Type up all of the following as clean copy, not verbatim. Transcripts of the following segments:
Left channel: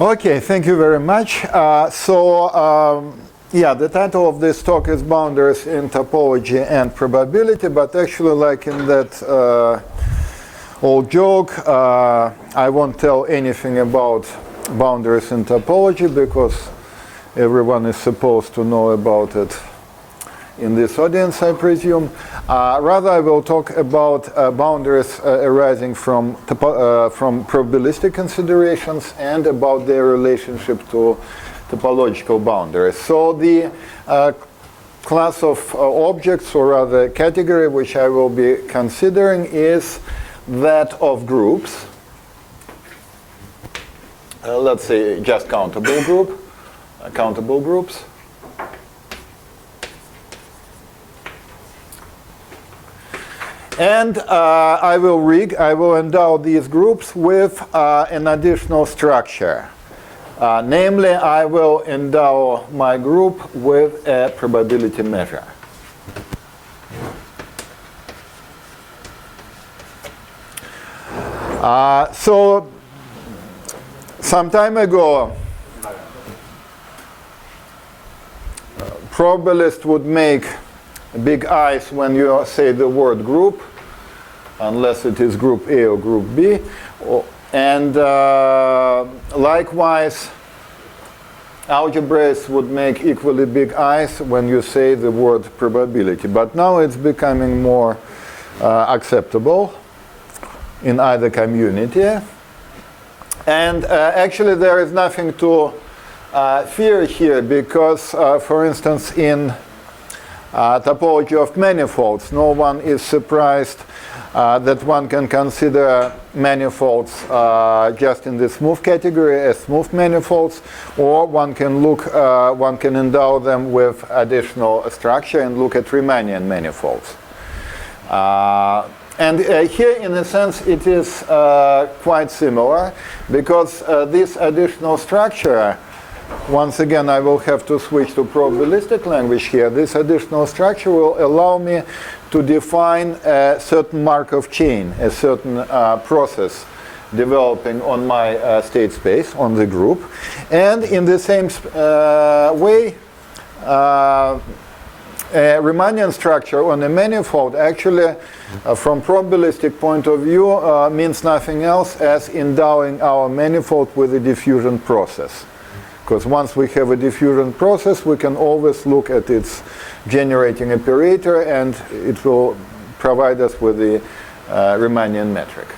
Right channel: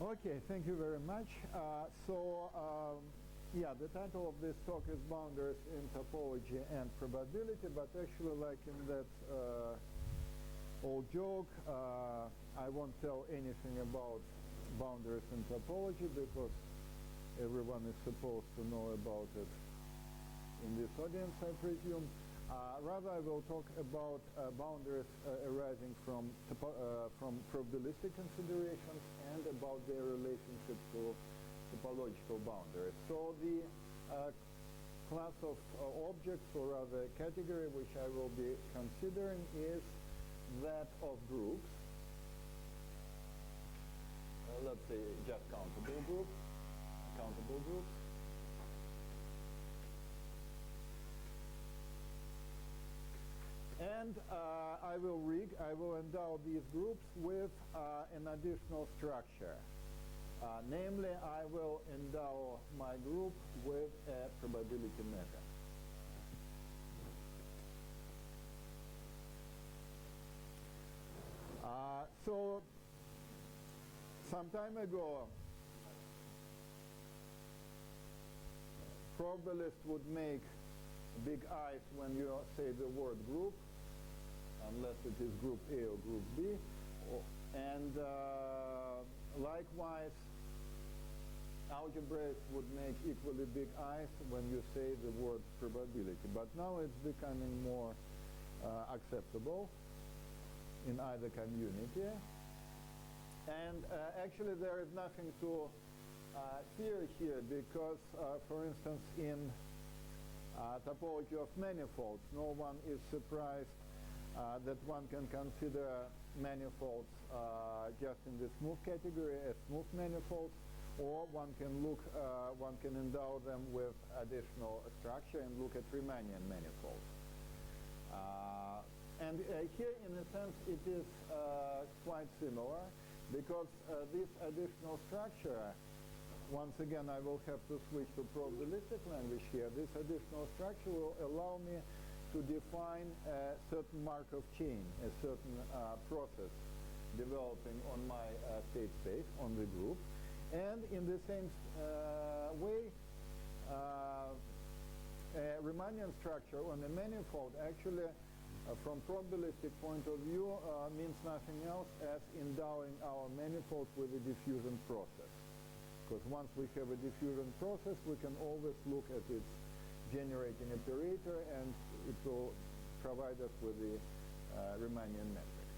Okay, thank you very much. Yeah, the title of this talk is Boundaries in Topology and Probability, but actually, like in that old joke, I won't tell anything about boundaries in topology because everyone is supposed to know about it in this audience, I presume. Rather, I will talk about boundaries arising from probabilistic considerations and about their relationship to topological boundaries. So the class of objects, or rather category, which I will be considering is that of groups. Let's say just countable groups. And I will endow these groups with an additional structure. Namely, I will endow my group with a probability measure. So some time ago, probabilists would make big eyes when you say the word group, unless it is group A or group B. And likewise, algebraists would make equally big eyes when you say the word probability. But now it's becoming more acceptable in either community. And actually there is nothing to fear here because, for instance, in topology of manifolds, no one is surprised that one can consider manifolds just in the smooth category as smooth manifolds, or one can endow them with additional structure and look at Riemannian manifolds. And here, in a sense, it is quite similar, because this additional structure, once again, I will have to switch to probabilistic language here. This additional structure will allow me to define a certain Markov chain, a certain process developing on my state space, on the group. And in the same way, a Riemannian structure on a manifold actually, from probabilistic point of view, means nothing else as endowing our manifold with a diffusion process. Because once we have a diffusion process, we can always look at its generating operator, and it will provide us with the Riemannian metric.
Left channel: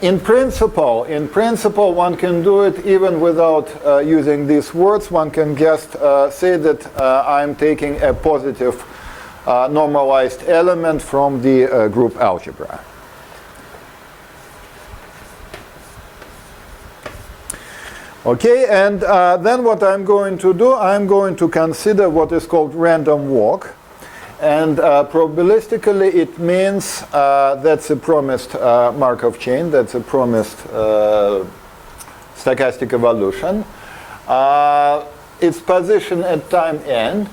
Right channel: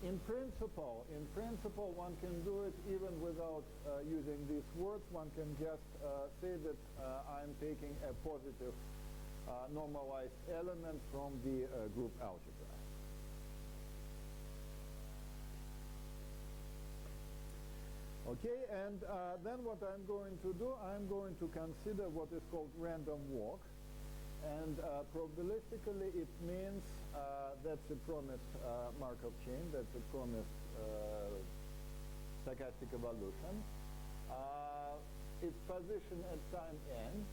In principle, one can do it even without using these words. One can just say that I'm taking a positive normalized element from the group algebra. Okay, and then what I'm going to do, I'm going to consider what is called random walk. And probabilistically, it means that's a promised Markov chain, that's a promised stochastic evolution. Its position at time n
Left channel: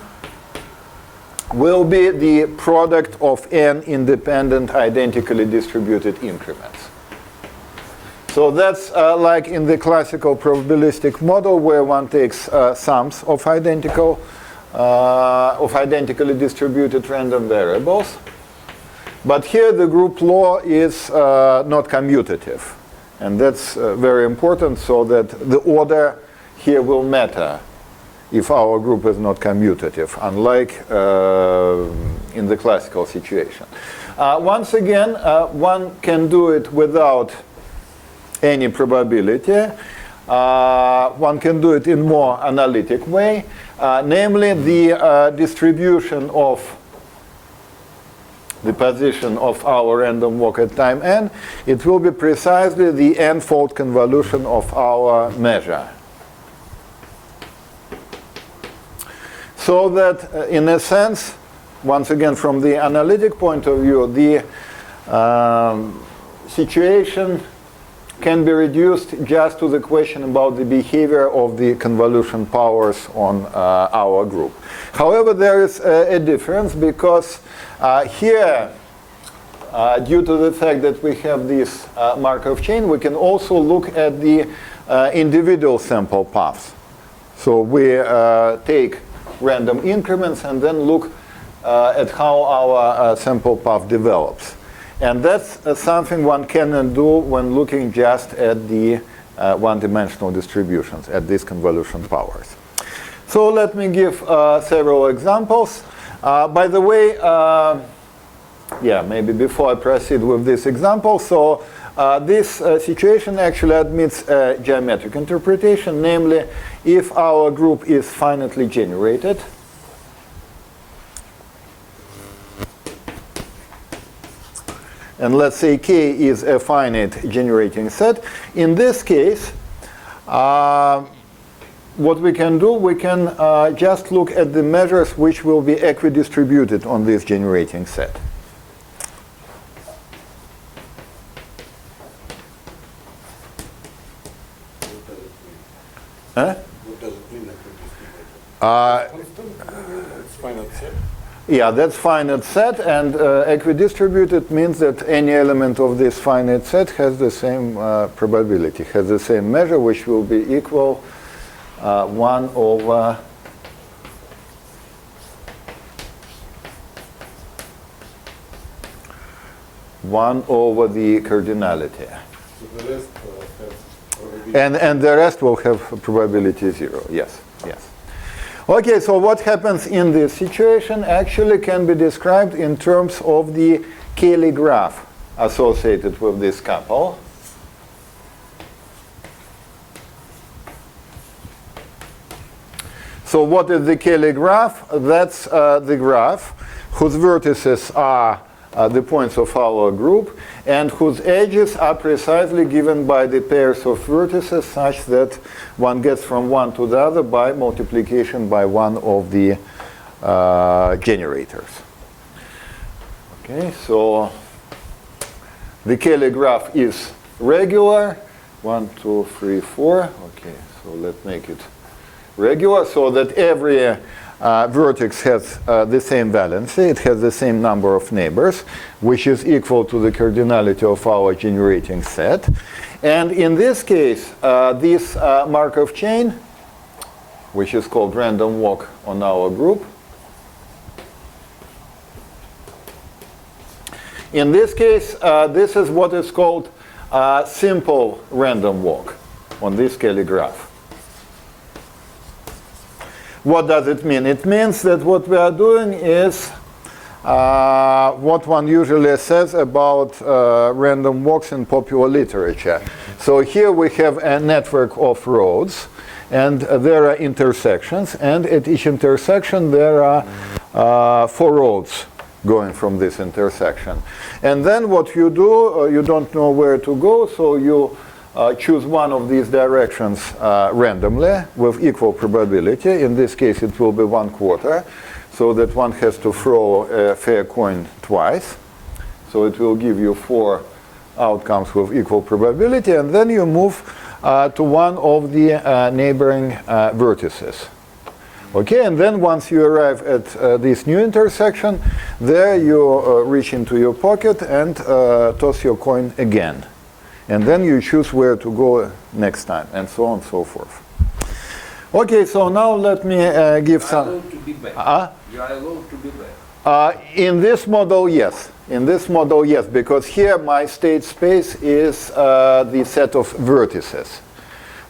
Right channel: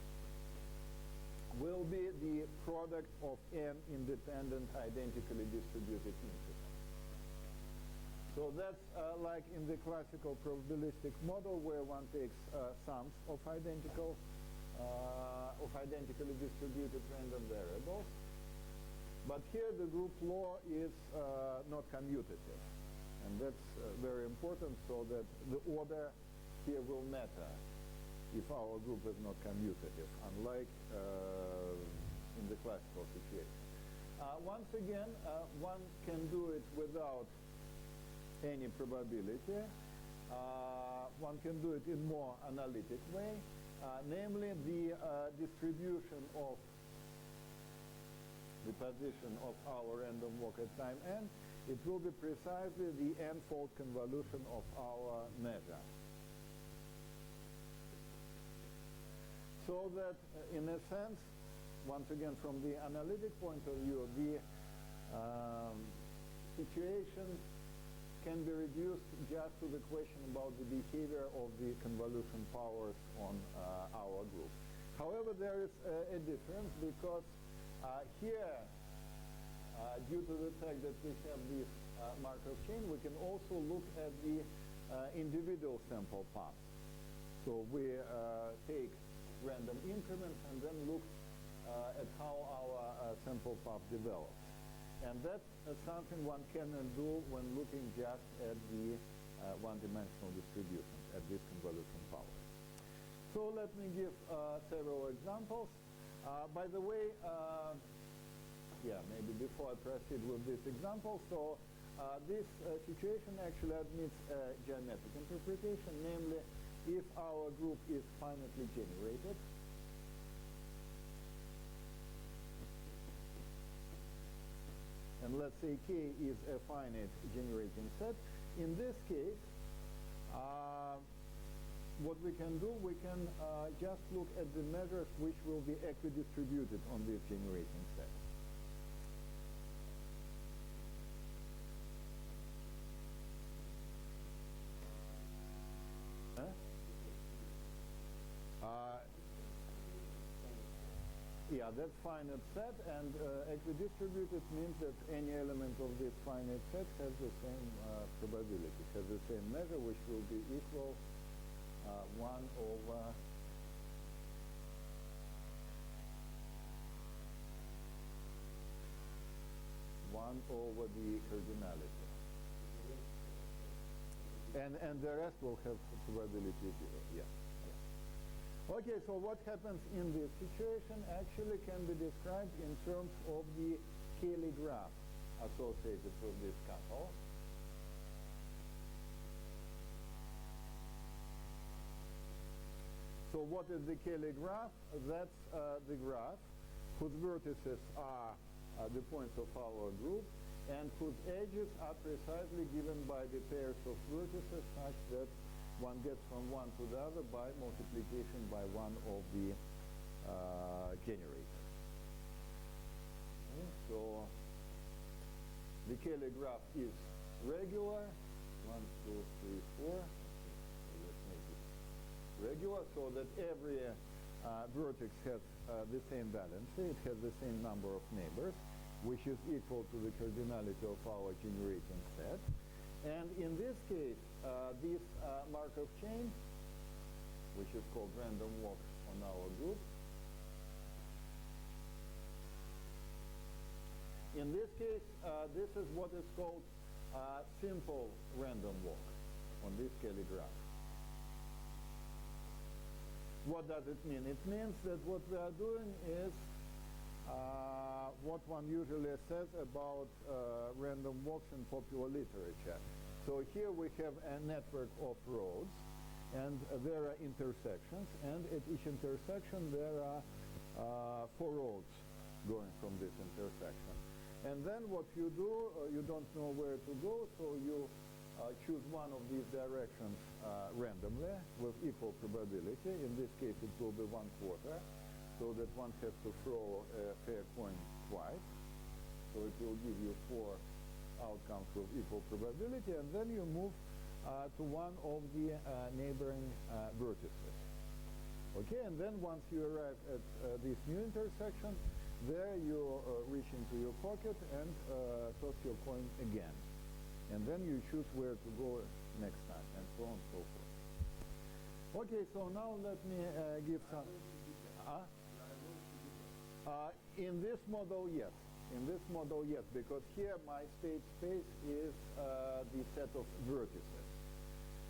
will be the product of n independent identically distributed increments. So that's like in the classical probabilistic model, where one takes sums of identically distributed random variables. But here the group law is not commutative. And that's very important, so that the order here will matter if our group is not commutative, unlike in the classical situation. Once again, one can do it without any probability. One can do it in more analytic way, namely the distribution of the position of our random walk at time n. It will be precisely the n-fold convolution of our measure. So that, in a sense, once again from the analytic point of view, the situation can be reduced just to the question about the behavior of the convolution powers on our group. However, there is a difference because here, due to the fact that we have this Markov chain, we can also look at the individual sample paths. So we take random increments and then look at how our sample path develops. And that's something one cannot do when looking just at the one-dimensional distributions, at these convolution powers. So let me give several examples. By the way, maybe before I proceed with this example, so this situation actually admits a geometric interpretation, namely if our group is finitely generated, and let's say K is a finite generating set. In this case, what we can do, we can just look at the measures which will be equidistributed on this generating set. Huh? What does it mean, It's finite set. Yeah, that's finite set, and equidistributed means that any element of this finite set has the same probability, has the same measure, which will be equal 1 over the cardinality. So the rest has probability. And the rest will have probability 0, yes, yes. Okay, so what happens in this situation actually can be described in terms of the Cayley graph associated with this couple. So what is the Cayley graph? That's the graph whose vertices are the points of our group and whose edges are precisely given by the pairs of vertices such that one gets from one to the other by multiplication by one of the generators. Okay, so the Cayley graph is regular. 1, 2, 3, 4. Okay, so let's make it regular so that every vertex has the same valency. It has the same number of neighbors, which is equal to the cardinality of our generating set. And in this case, this Markov chain, which is called random walk on our group, in this case, this is what is called simple random walk on this Cayley graph. What does it mean? It means that what we are doing is what one usually says about random walks in popular literature. So here we have a network of roads, and there are intersections, and at each intersection there are 4 roads going from this intersection. And then what you do, you don't know where to go, so you choose one of these directions randomly with equal probability. In this case, it will be 1/4, so that one has to throw a fair coin twice. So it will give you 4 outcomes with equal probability, and then you move to one of the neighboring vertices. Okay, and then once you arrive at this new intersection, there you reach into your pocket and toss your coin again. And then you choose where to go next time, and so on and so forth. Okay, so now let me give some... You are allowed to be back. You are allowed to be back. In this model, yes. In this model, yes, because here my state space is the set of vertices.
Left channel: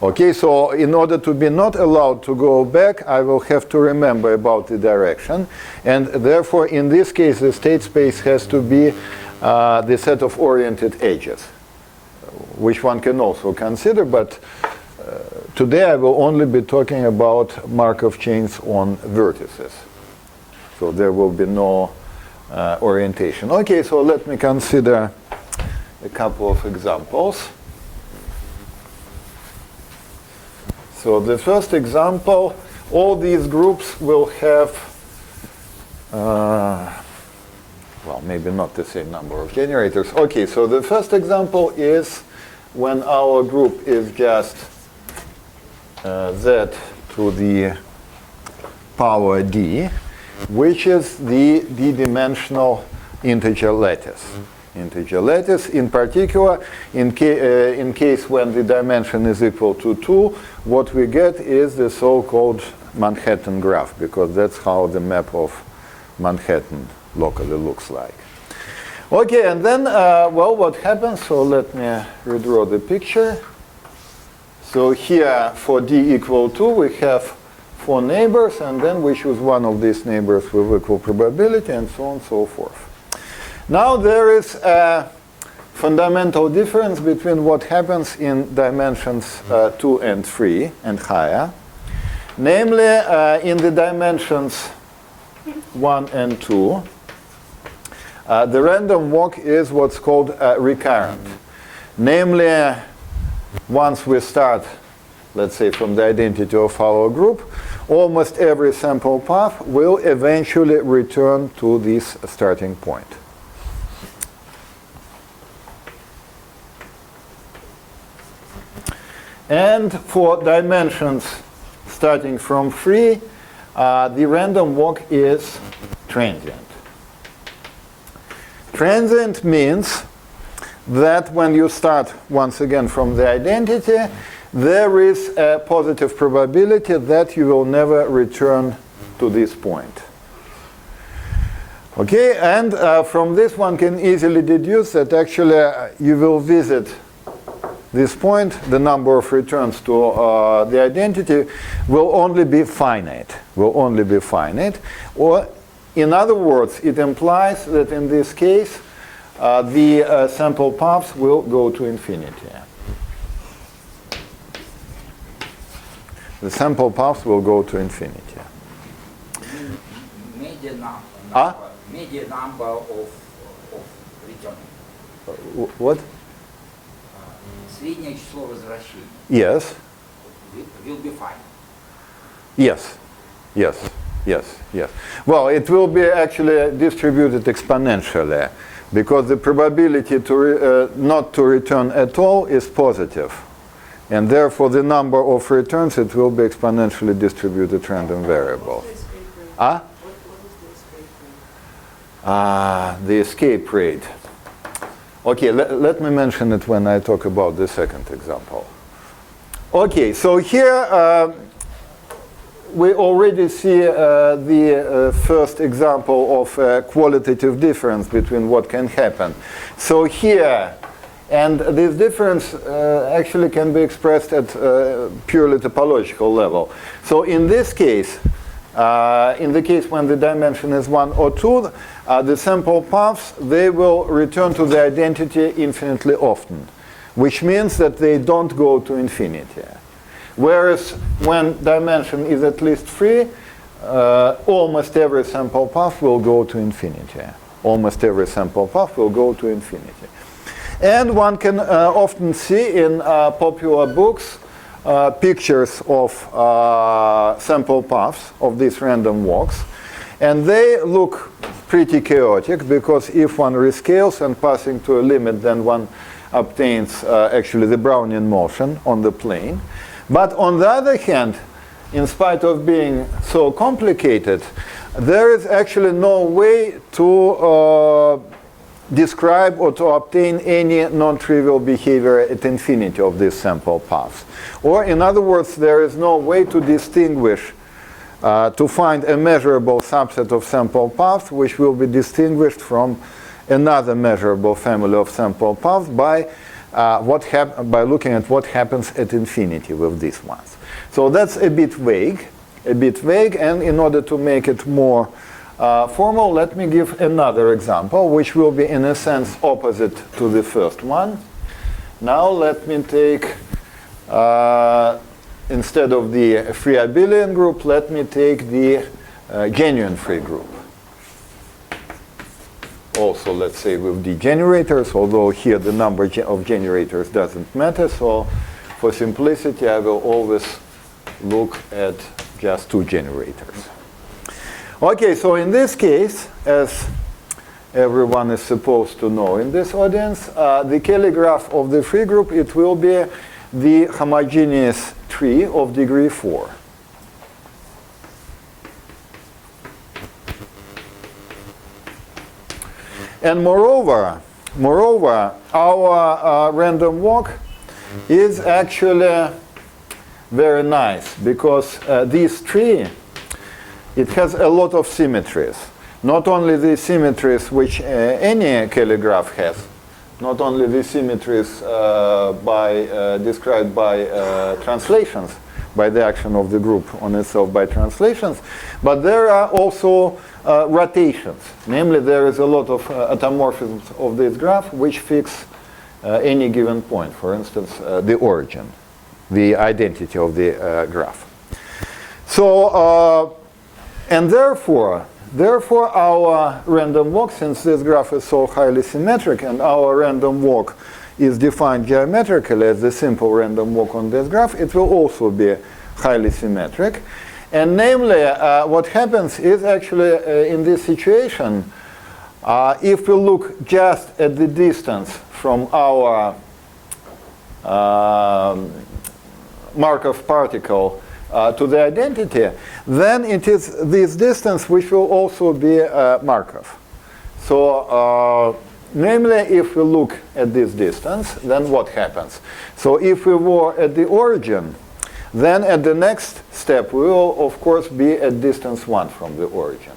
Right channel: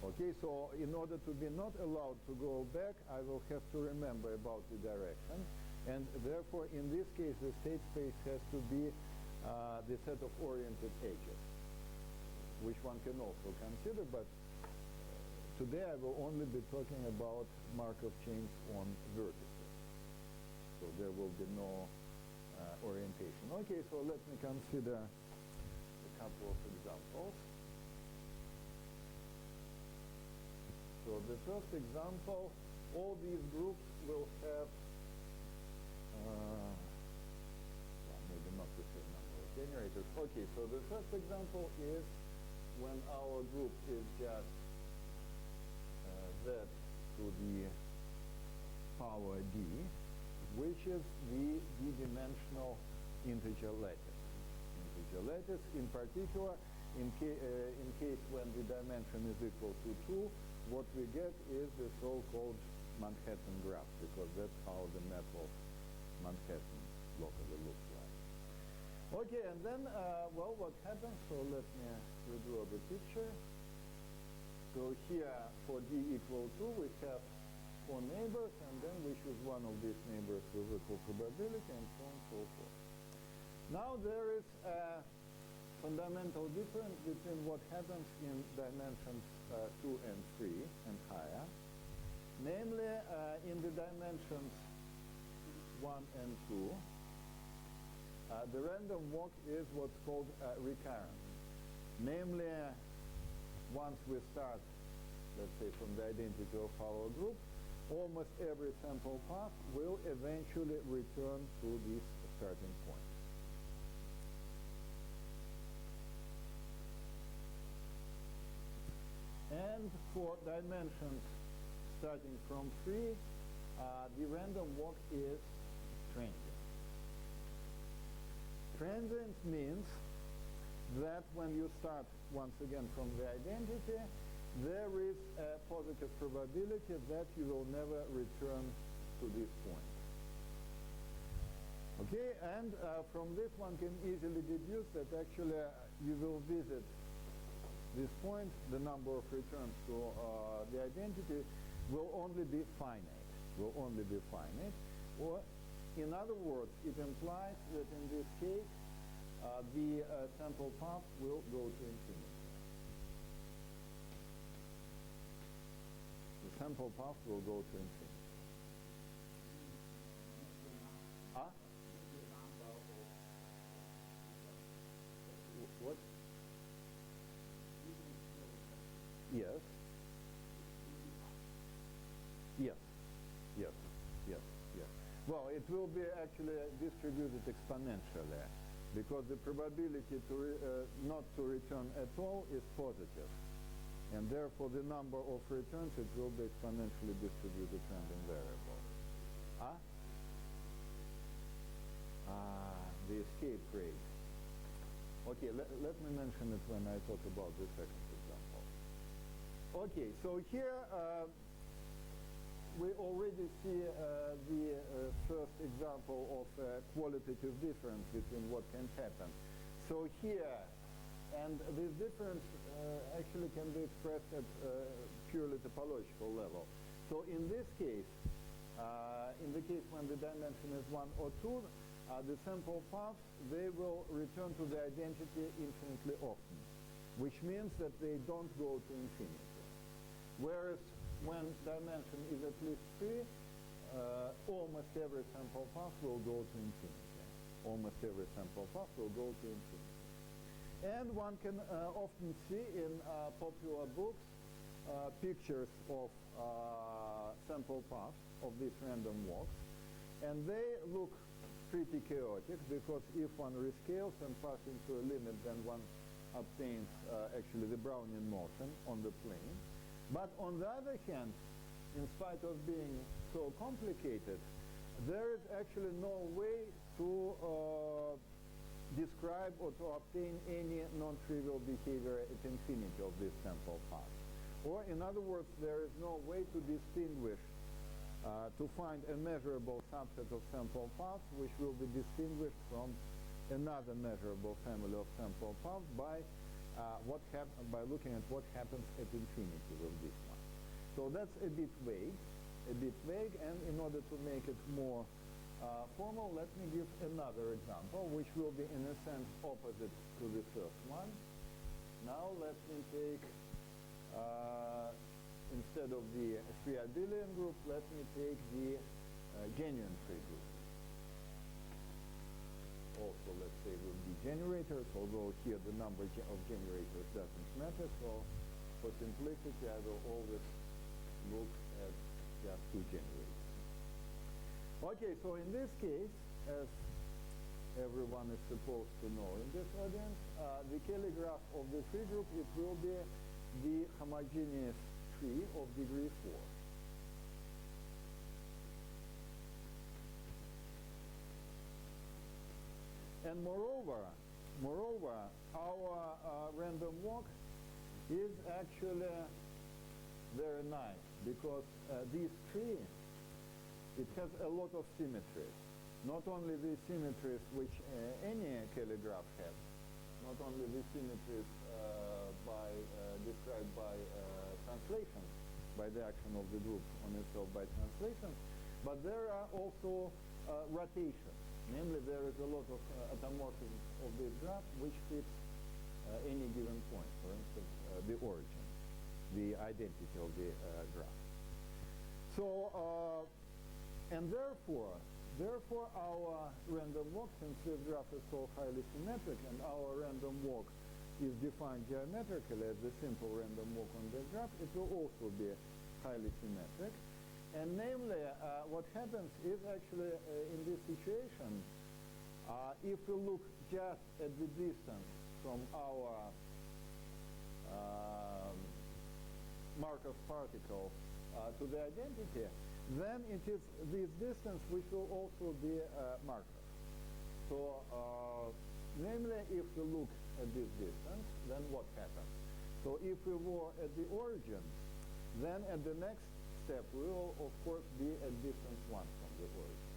Okay, so in order to be not allowed to go back, I will have to remember about the direction. And therefore, in this case, the state space has to be the set of oriented edges, which one can also consider, but today I will only be talking about Markov chains on vertices. So there will be no orientation. Okay, so let me consider a couple of examples. So the first example, all these groups will have, well, maybe not the same number of generators. Okay, so the first example is when our group is just z to the power d, which is the d-dimensional integer lattice. Integer lattice, in particular, in case when the dimension is equal to 2, what we get is the so-called Manhattan graph, because that's how the map of Manhattan locally looks like. Okay, and then, well, what happens? So let me redraw the picture. So here, for d equal 2, we have 4 neighbors, and then we choose one of these neighbors with equal probability, and so on and so forth. Now there is a fundamental difference between what happens in dimensions 2 and 3 and higher. Namely, in the dimensions 1 and 2, the random walk is what's called recurrent. Namely, once we start, let's say, from the identity of our group, almost every sample path will eventually return to this starting point. And for dimensions starting from 3, the random walk is transient. Transient means that when you start once again from the identity, there is a positive probability that you will never return to this point. Okay, and from this one can easily deduce that actually you will visit this point, the number of returns to the identity will only be finite, Or in other words, it implies that in this case, the sample paths will go to infinity. The sample paths will go to infinity. Median number of return. What? Среднее число возвращений. Yes. Will be fine. Yes. Well, it will be actually distributed exponentially, because the probability to not to return at all is positive. And therefore, the number of returns, it will be exponentially distributed random variable. What is the escape rate? The escape rate. Okay, let me mention it when I talk about the second example. Okay, so here we already see the first example of a qualitative difference between what can happen. So here, and this difference actually can be expressed at purely topological level. So in this case, in the case when the dimension is 1 or 2, the sample paths, they will return to the identity infinitely often, which means that they don't go to infinity. Whereas when dimension is at least 3, almost every sample path will go to infinity. Almost every sample path will go to infinity. And one can often see in popular books pictures of sample paths of these random walks. And they look pretty chaotic, because if one rescales and passing to a limit, then one obtains actually the Brownian motion on the plane. But on the other hand, in spite of being so complicated, there is actually no way to describe or to obtain any non-trivial behavior at infinity of these sample paths. Or in other words, there is no way to distinguish, to find a measurable subset of sample paths which will be distinguished from another measurable family of sample paths by looking at what happens at infinity with these ones. So that's a bit vague, and in order to make it more formal, let me give another example, which will be in a sense opposite to the first one. Now let me take, instead of the free abelian group, let me take the genuine free group. Also, let's say with the generators, although here the number of generators doesn't matter, so for simplicity I will always look at just 2 generators. Okay, so in this case, as everyone is supposed to know in this audience. The Kelly graph of the free group, it will be the homogeneous tree of degree 4. And moreover, our random walk is actually very nice because this tree, it has a lot of symmetries. Not only the symmetries which any Kelly graph has, not only the symmetries described by translations, by the action of the group on itself by translations, but there are also rotations. Namely, there is a lot of automorphisms of this graph which fix any given point, for instance, the origin, the identity of the graph. So, and therefore our random walk, since this graph is so highly symmetric and our random walk is defined geometrically as the simple random walk on this graph, it will also be highly symmetric. And namely, what happens is actually in this situation, if we look just at the distance from our Markov particle to the identity, then it is this distance which will also be Markov. So, namely, if we look at this distance, then what happens? So if we were at the origin, then at the next step we will, of course, be at distance 1 from the origin.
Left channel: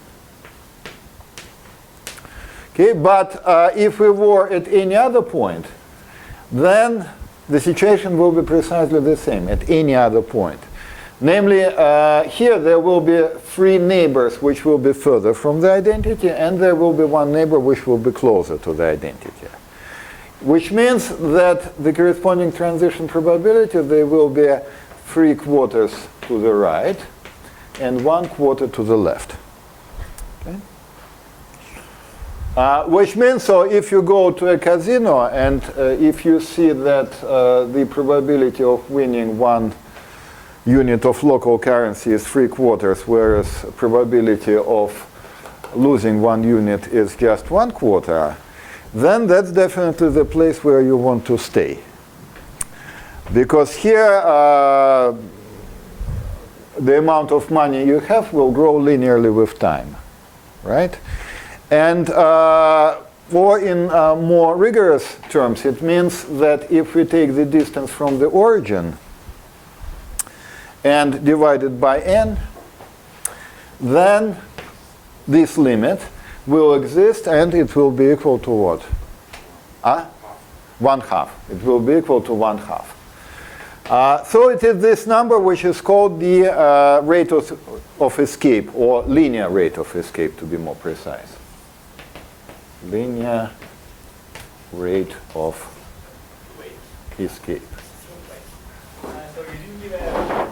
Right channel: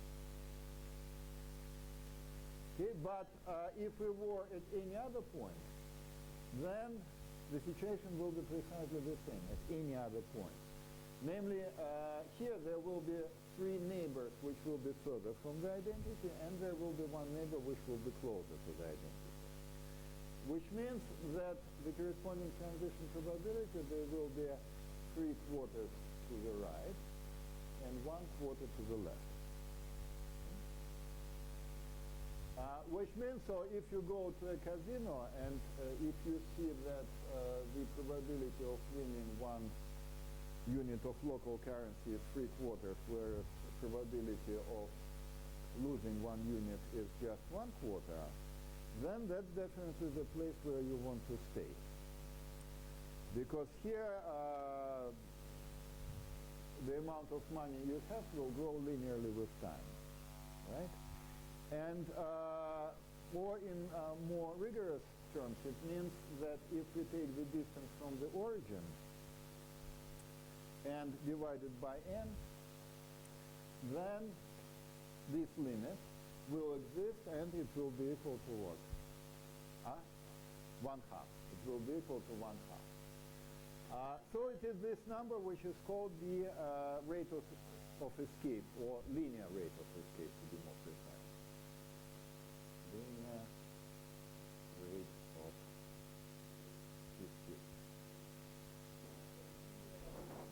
Okay, but if we were at any other point, then the situation will be precisely the same at any other point. Namely, here there will be 3 neighbors which will be further from the identity, and there will be 1 neighbor which will be closer to the identity. Which means that the corresponding transition probability, they will be 3/4 to the right and 1/4 to the left. Okay? Which means, so if you go to a casino and if you see that the probability of winning 1 unit of local currency is 3/4, whereas probability of losing 1 unit is just 1/4, then that's definitely the place where you want to stay. Because here the amount of money you have will grow linearly with time, right? And or in more rigorous terms, it means that if we take the distance from the origin and divide it by n, then this limit will exist and it will be equal to what? 1/2. It will be equal to 1/2. So it is this number which is called the rate of escape, or linear rate of escape to be more precise. Linear rate of escape. So you didn't give a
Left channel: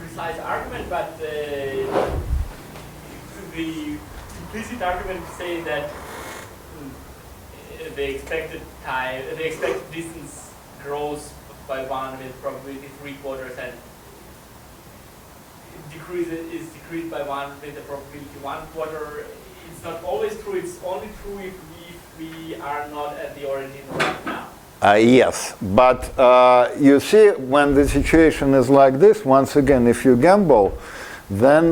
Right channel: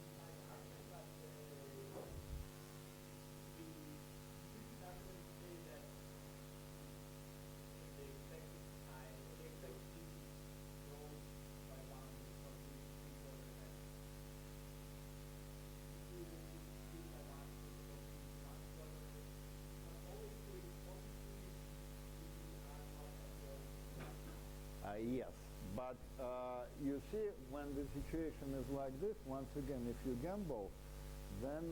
precise argument, but the implicit argument says that the expected distance grows by 1 with probability 3/4, and is decreased by 1 with the probability 1/4. It's not always true. It's only true if we are not at the origin right now. Yes, but you see, when the situation is like this, once again, if you gamble, then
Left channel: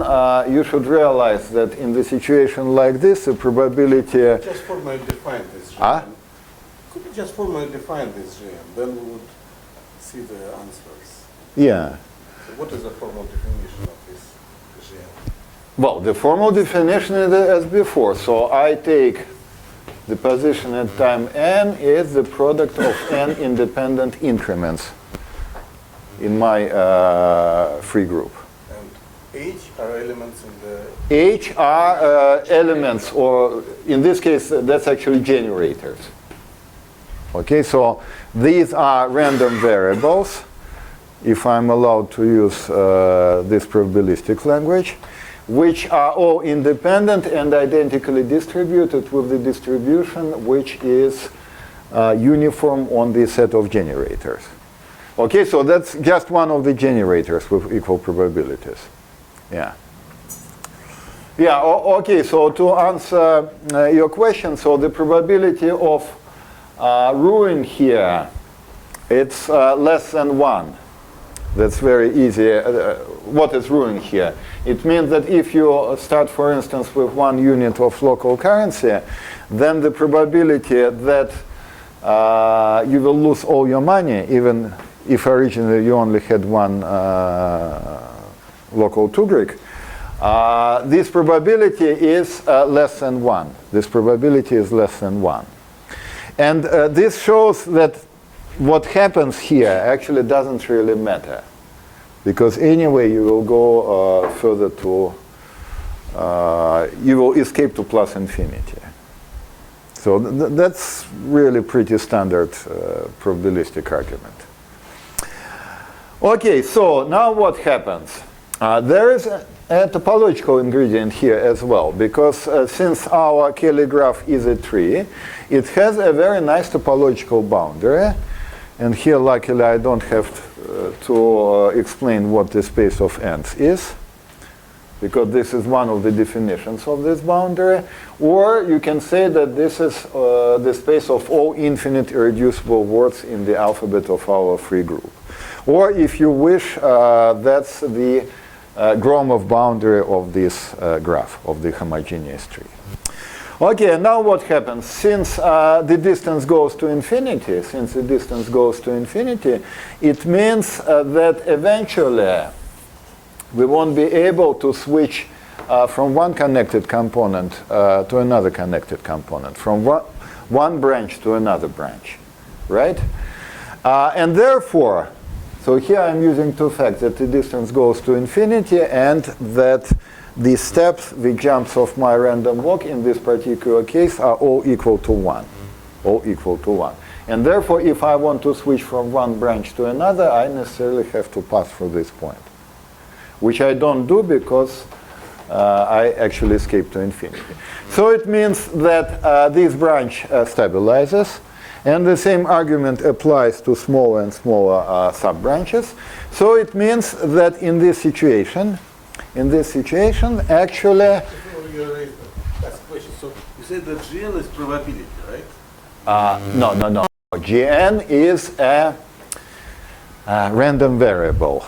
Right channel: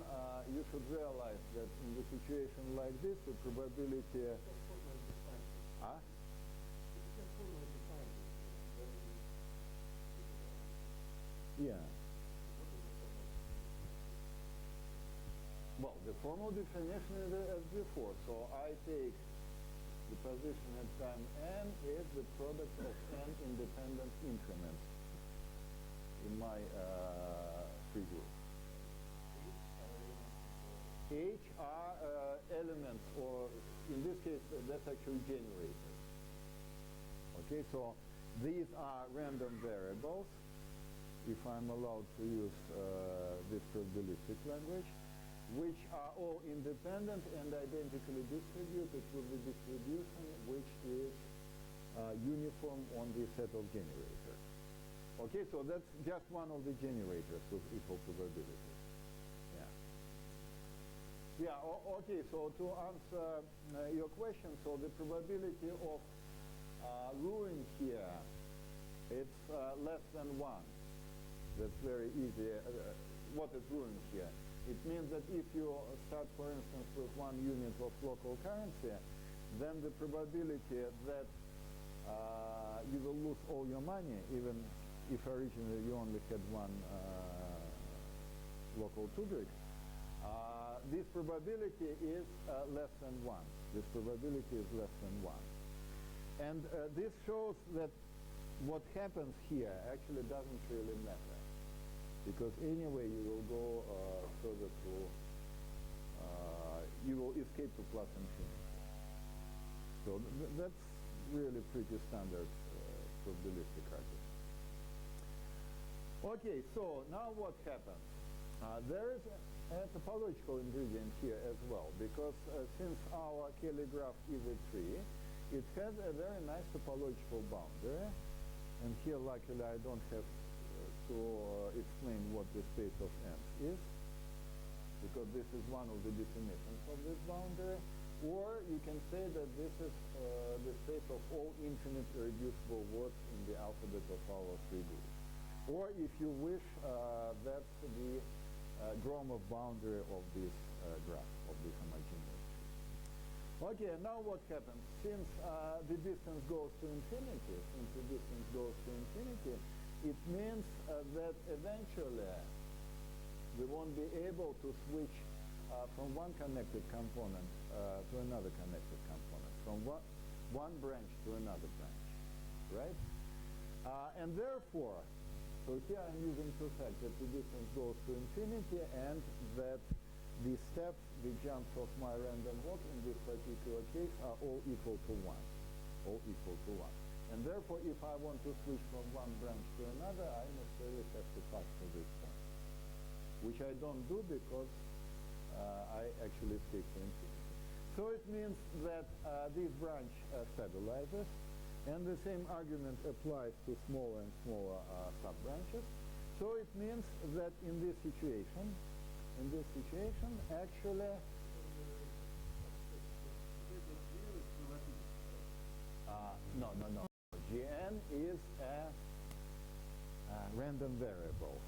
you should realize that in the situation like this, the probability... Just formally define this GM. Could you just formally define this GM? Then we would see the answers. Yeah. So what is the formal definition of this GM? Well, the formal definition is as before. So I take the position at time n is the product of n independent increments in my free group. And H are elements in the... H are elements, or in this case, that's actually generators. Okay, so these are random variables, if I'm allowed to use this probabilistic language, which are all independent and identically distributed with the distribution which is uniform on the set of generators. Okay, so that's just one of the generators with equal probabilities. Yeah. Yeah, okay, so to answer your question, so the probability of ruin here, it's less than 1. That's very easy. What is ruin here? It means that if you start, for instance, with 1 unit of local currency, then the probability that you will lose all your money, even if originally you only had 1 local tugrik, this probability is less than 1. This probability is less than 1. And this shows that what happens here actually doesn't really matter. Because anyway, you will go further to, you will escape to plus infinity. So that's really pretty standard probabilistic argument. Okay, so now what happens? There is a topological ingredient here as well, because since our Kelly graph is a tree, it has a very nice topological boundary. And here, luckily, I don't have to explain what the space of ends is, because this is one of the definitions of this boundary. Or you can say that this is the space of all infinite irreducible words in the alphabet of our free group. Or if you wish, that's the Gromov boundary of this graph, of the homogeneous tree. Okay, now what happens? Since the distance goes to infinity, it means that eventually we won't be able to switch from one connected component to another connected component, from one branch to another branch, right? And therefore, so here I'm using 2 facts, that the distance goes to infinity and that the steps, the jumps of my random walk in this particular case are all equal to 1. All equal to 1. And therefore, if I want to switch from one branch to another, I necessarily have to pass through this point, which I don't do because I actually escape to infinity. So it means that this branch stabilizes, and the same argument applies to smaller and smaller sub-branches. So it means that in this situation, actually... Before you raise the last question, so you said that GN is probability, right? No. Gn is a random variable.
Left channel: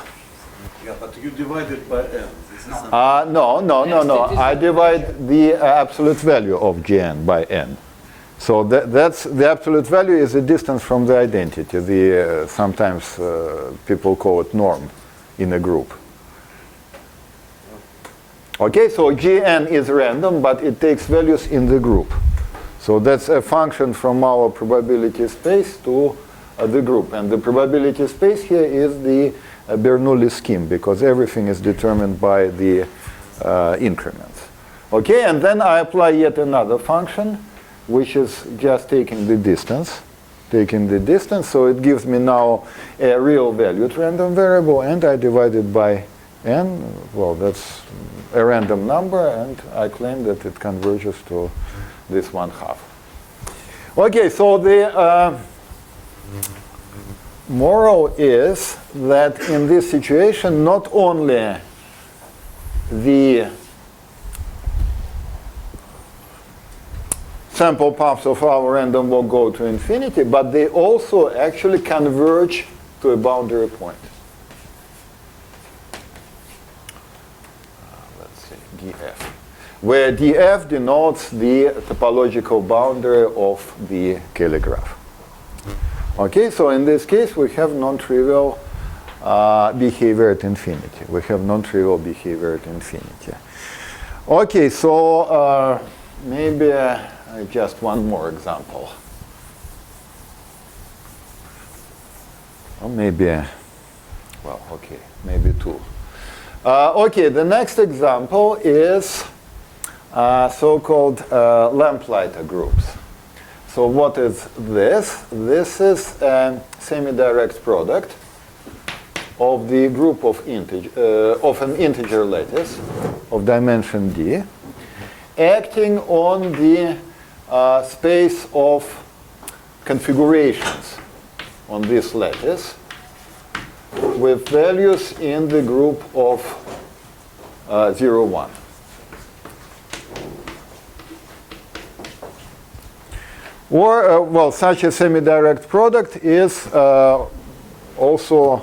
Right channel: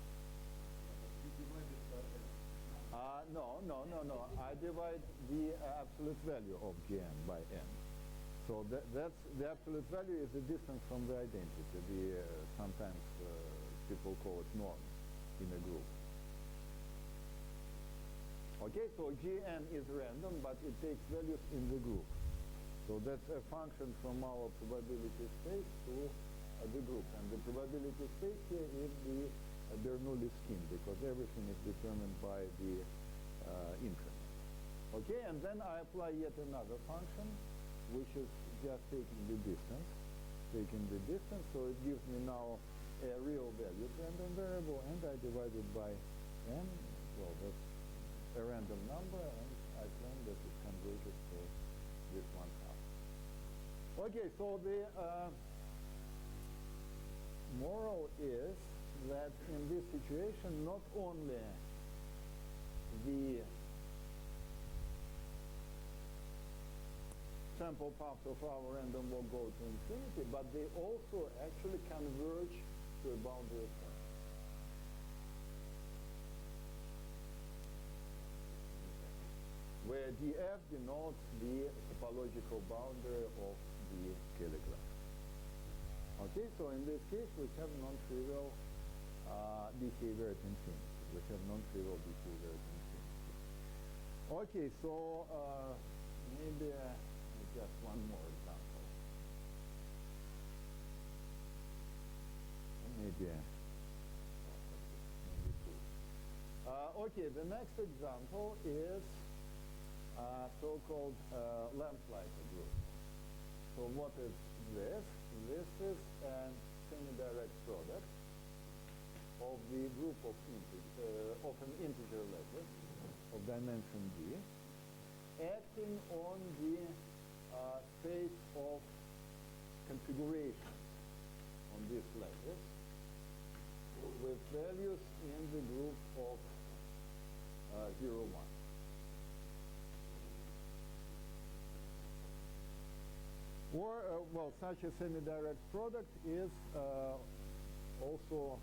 Yeah, but you divide it by n. This is something. No. I divide the absolute value of Gn by n. So that's the absolute value is the distance from the identity. The sometimes people call it norm in a group. Okay, so Gn is random, but it takes values in the group. So that's a function from our probability space to the group. And the probability space here is the Bernoulli scheme, because everything is determined by the increments. Okay, and then I apply yet another function, which is just taking the distance. So it gives me now a real valued random variable, and I divide it by n. Well, that's a random number, and I claim that it converges to this 1/2. Okay, so the moral is that in this situation, not only the sample paths of our random walk go to infinity, but they also actually converge to a boundary point. Let's say df, where df denotes the topological boundary of the Kelly graph. Okay, so in this case we have non-trivial behavior at infinity. Okay, so maybe just one more example. Or maybe, well, okay, maybe 2. Okay, the next example is so-called lamplighter groups. So what is this? This is a semi-direct product of the group of an integer lattice of dimension d, acting on the space of configurations on this lattice with values in the group of 0, 1. Or, well, such a semi-direct product is also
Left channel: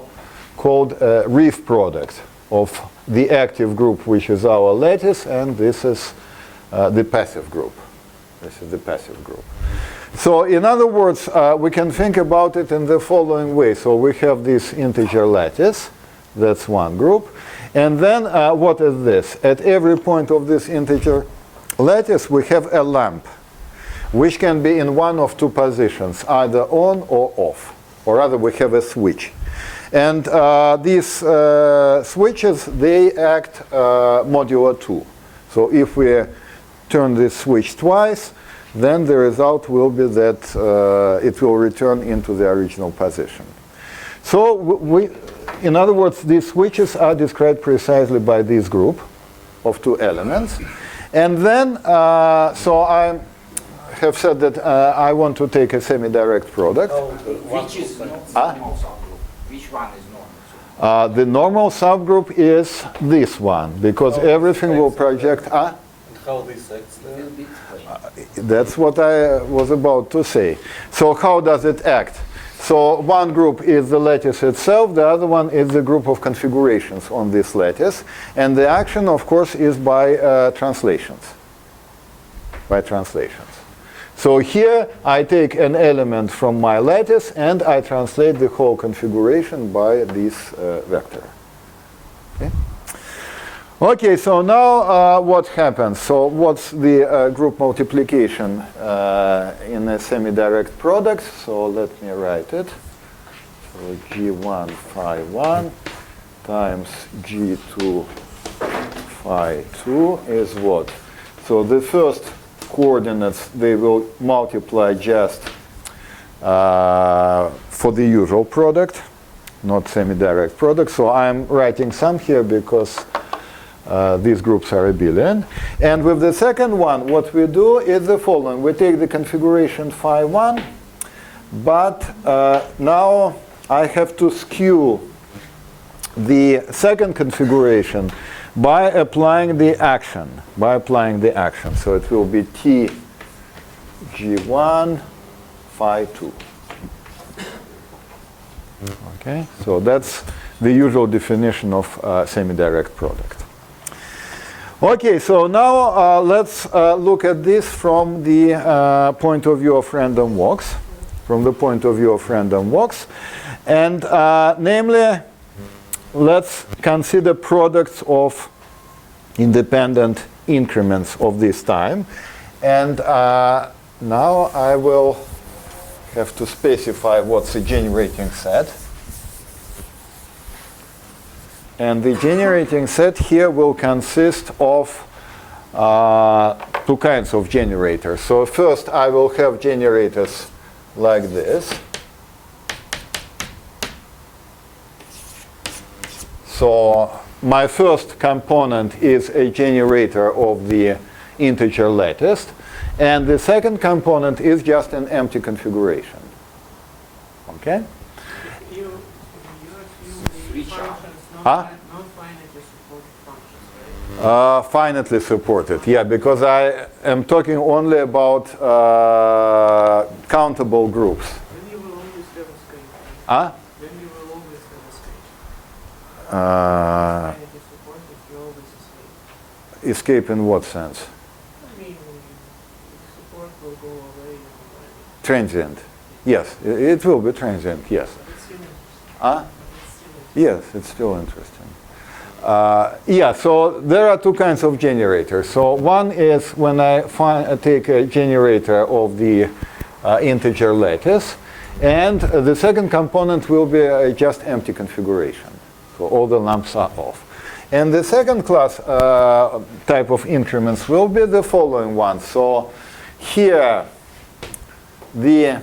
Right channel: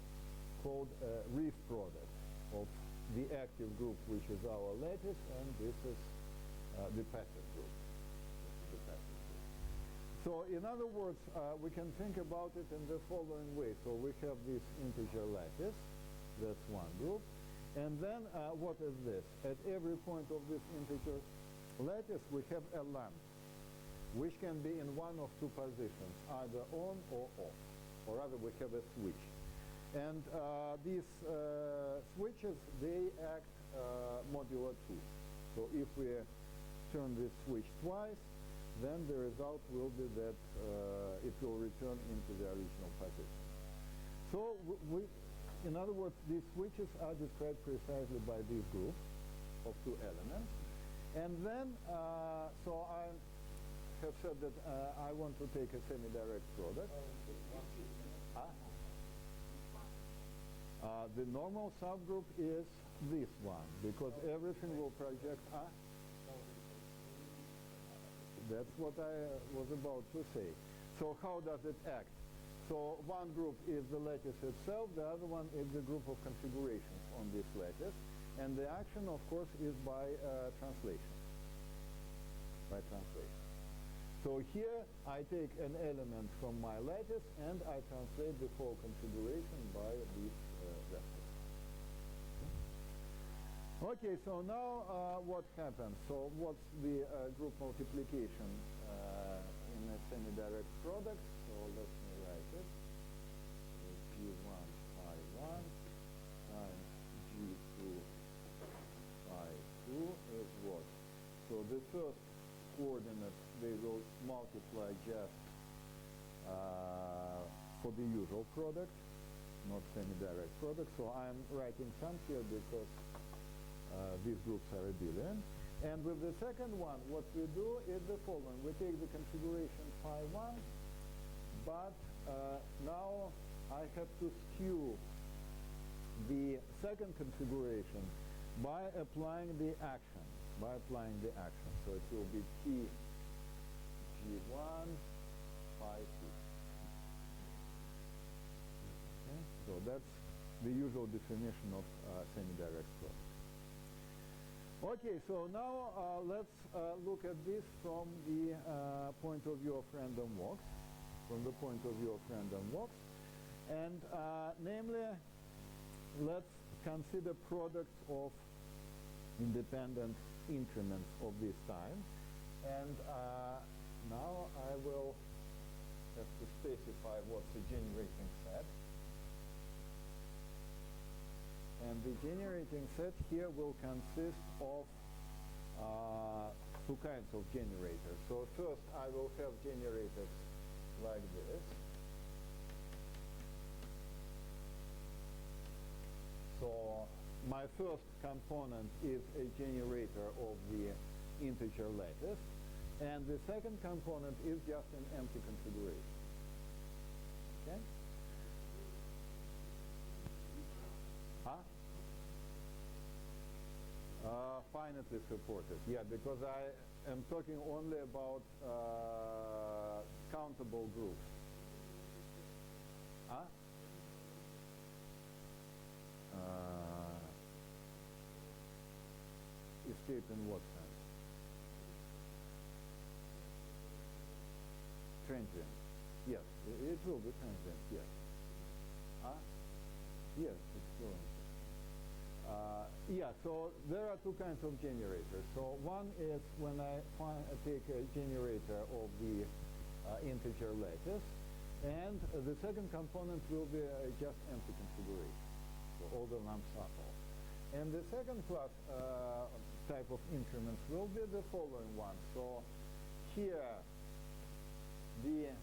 called a reef product of the active group, which is our lattice, and this is the passive group. This is the passive group. So in other words, we can think about it in the following way. So we have this integer lattice. That's one group. And then what is this? At every point of this integer lattice, we have a lamp, which can be in one of two positions, either on or off. Or rather, we have a switch. And these switches, they act modulo 2. So if we turn this switch twice, then the result will be that it will return into the original position. So in other words, these switches are described precisely by this group of two elements. And then, so I have said that I want to take a semi-direct product. Which is normal subgroup? Which one is normal? The normal subgroup is this one, because everything will project. How this acts there? That's what I was about to say. So how does it act? So one group is the lattice itself, the other one is the group of configurations on this lattice. And the action, of course, is by translations. By translations. So here I take an element from my lattice and I translate the whole configuration by this vector. Okay? Okay, so now what happens? So what's the group multiplication in a semi-direct product? So let me write it. So G1 phi 1 times G2 phi 2 is what? So the first coordinates, they will multiply just for the usual product, not semi-direct product. So I'm writing some here because these groups are abelian. And with the second one, what we do is the following. We take the configuration phi 1, but now I have to skew the second configuration by applying the action. So it will be T G1 phi 2. Okay, so that's the usual definition of semi-direct product. Okay, so now let's look at this from the point of view of random walks. And namely, let's consider products of independent increments of this time. And now I will have to specify what's a generating set. And the generating set here will consist of two kinds of generators. So first I will have generators like this. So my first component is a generator of the integer lattice. And the second component is just an empty configuration. Okay? You assume the functions non-finitely supported functions, right? Finitely supported, yeah, because I am talking only about countable groups. Then you will always have a scape. Huh? Then you will always have a scape. Uh, Finitely supported, you always escape. escape in what sense? I mean, the support will go away. And Transient. Yes, it will be transient, yes. it's still interesting. Huh? It's still interesting. Yes, it's still interesting. Yeah, so there are two kinds of generators. So one is when I take a generator of the integer lattice, and the second component will be just empty configuration. So all the lamps are off. And the second class type of increments will be the following one. So here, the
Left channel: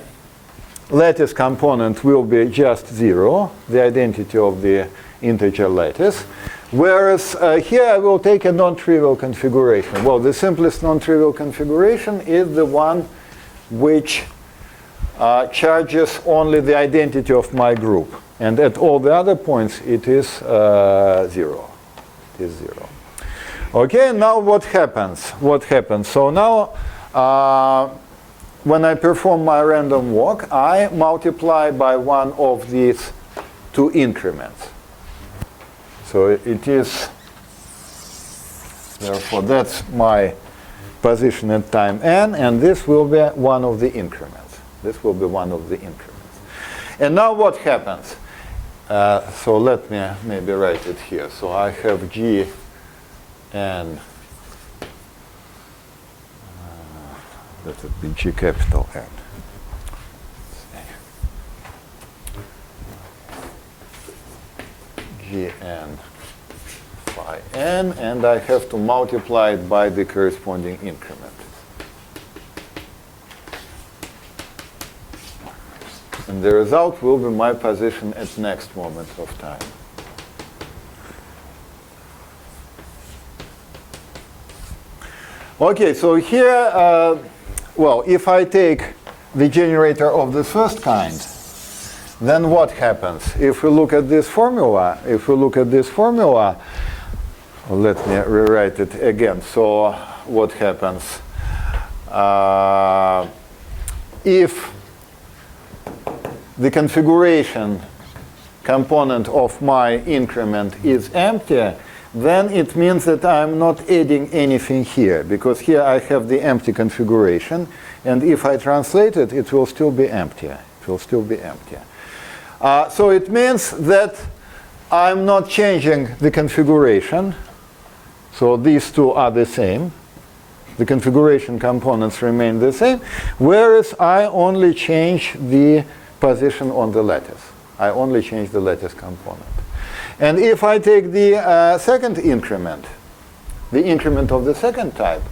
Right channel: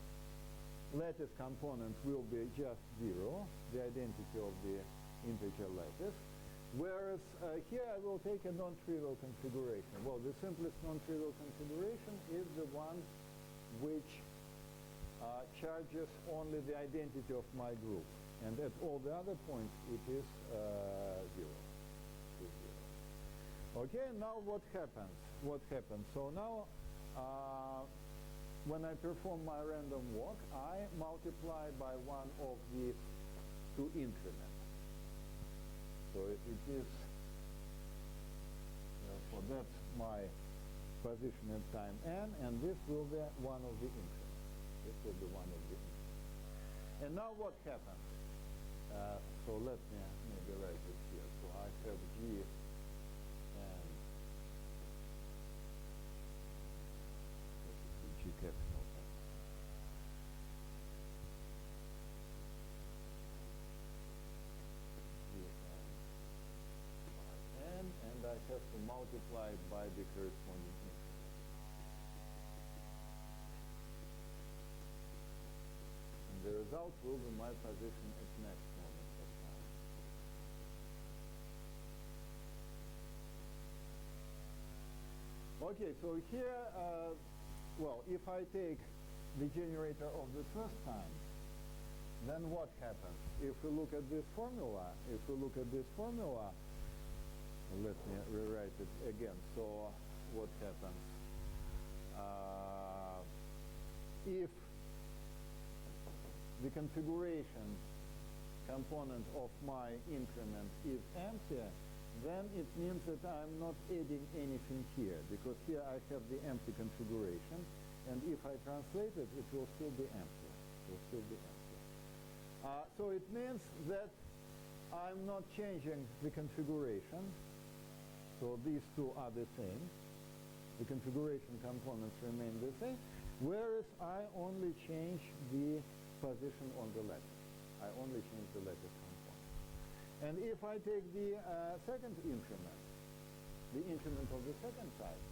lattice component will be just 0, the identity of the integer lattice. Whereas here I will take a non-trivial configuration. Well, the simplest non-trivial configuration is the one which charges only the identity of my group. And at all the other points, it is 0. It is 0. Okay, now what happens? So now when I perform my random walk, I multiply by one of these two increments. So it is, therefore, that's my position at time n, and this will be one of the increments. This will be one of the increments. And now what happens? So let me maybe write it here. So I have g and let it be g capital N. G n phi n, and I have to multiply it by the corresponding increment. And the result will be my position at next moment of time. Okay, so here, well, if I take the generator of the first kind, then what happens? If we look at this formula, well, let me rewrite it again. So what happens? If the configuration component of my increment is empty, then it means that I'm not adding anything here, because here I have the empty configuration, and if I translate it, it will still be empty. It will still be empty. So it means that I'm not changing the configuration. So these two are the same. The configuration components remain the same, whereas I only change the position on the lattice. I only change the lattice component. And if I take the second increment, the increment of the second type,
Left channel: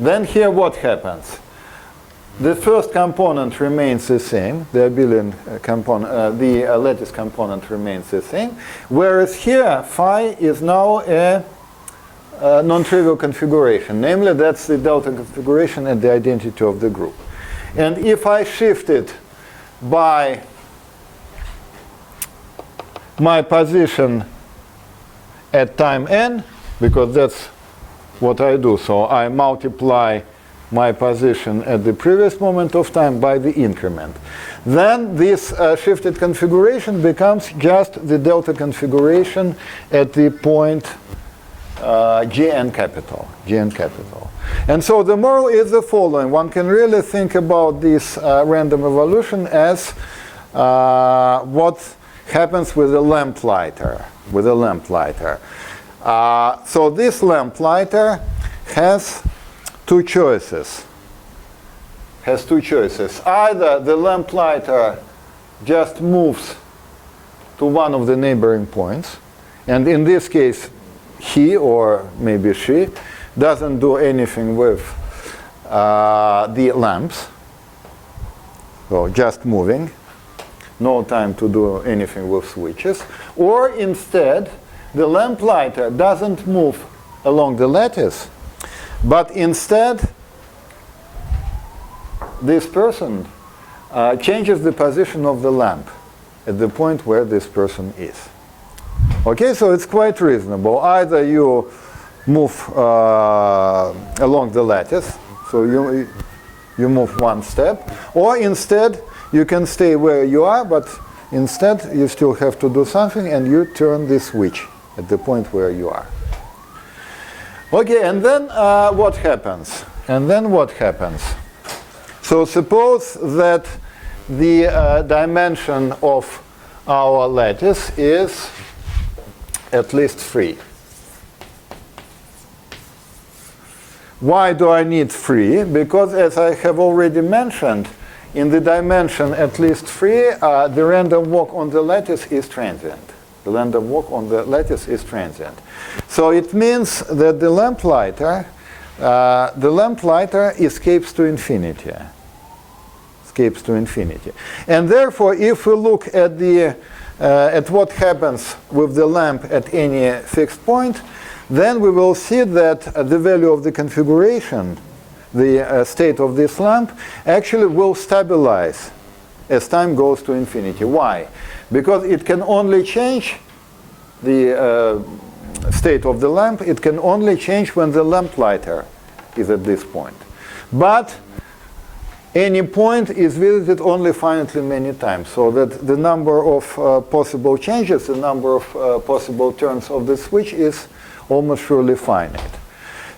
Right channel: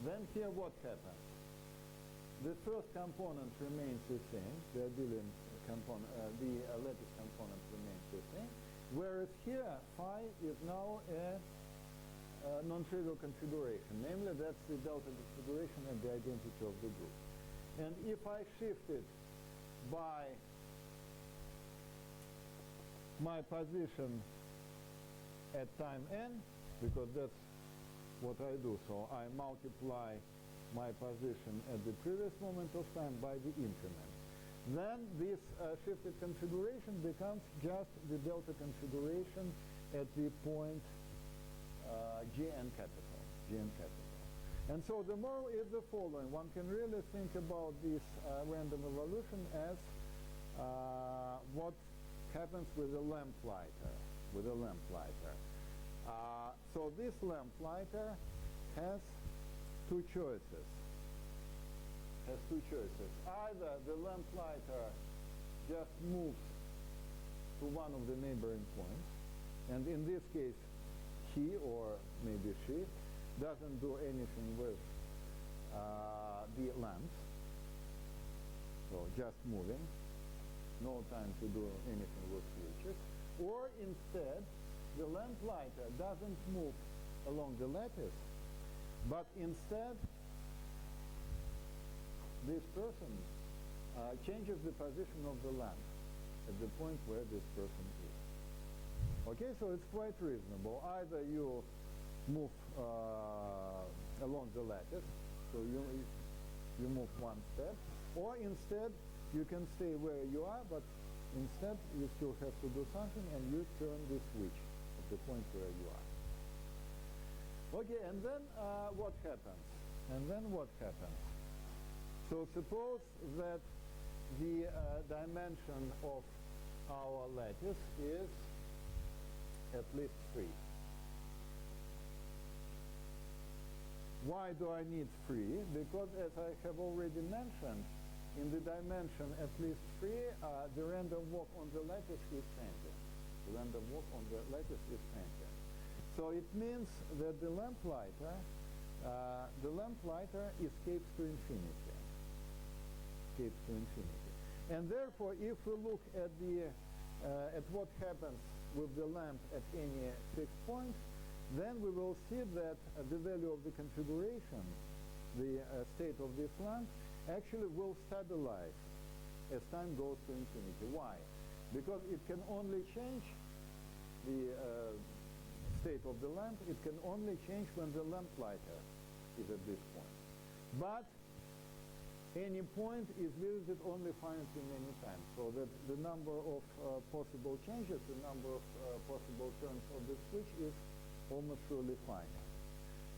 then here what happens? The first component remains the same, the abelian component, the lattice component remains the same, whereas here phi is now a non-trivial configuration, namely that's the delta configuration and the identity of the group. And if I shift it by my position at time n, because that's what I do, so I multiply my position at the previous moment of time by the increment. Then this shifted configuration becomes just the delta configuration at the point Gn capital. And so the moral is the following. One can really think about this random evolution as what happens with a lamplighter. So this lamplighter has two choices. Either the lamplighter just moves to one of the neighboring points, and in this case he or maybe she doesn't do anything with the lamps, so just moving, no time to do anything with switches. Or instead, the lamplighter doesn't move along the lattice, but instead this person changes the position of the lamp at the point where this person is. Okay, so it's quite reasonable. Either you move along the lattice, so you move one step, or instead you can stay where you are, but instead you still have to do something, and you turn the switch at the point where you are. Okay, and then what happens? So suppose that the dimension of our lattice is at least 3. Why do I need 3? Because as I have already mentioned, in the dimension at least 3, the random walk on the lattice is transient. So it means that the lamplighter escapes to infinity. And therefore, if we look at at what happens with the lamp at any fixed point, then we will see that the value of the configuration, the state of this lamp, actually will stabilize as time goes to infinity. Why? Because it can only change the state of the lamp, it can only change when the lamplighter is at this point. But any point is visited only finitely many times, so that the number of possible changes, the number of possible turns of the switch is almost surely finite.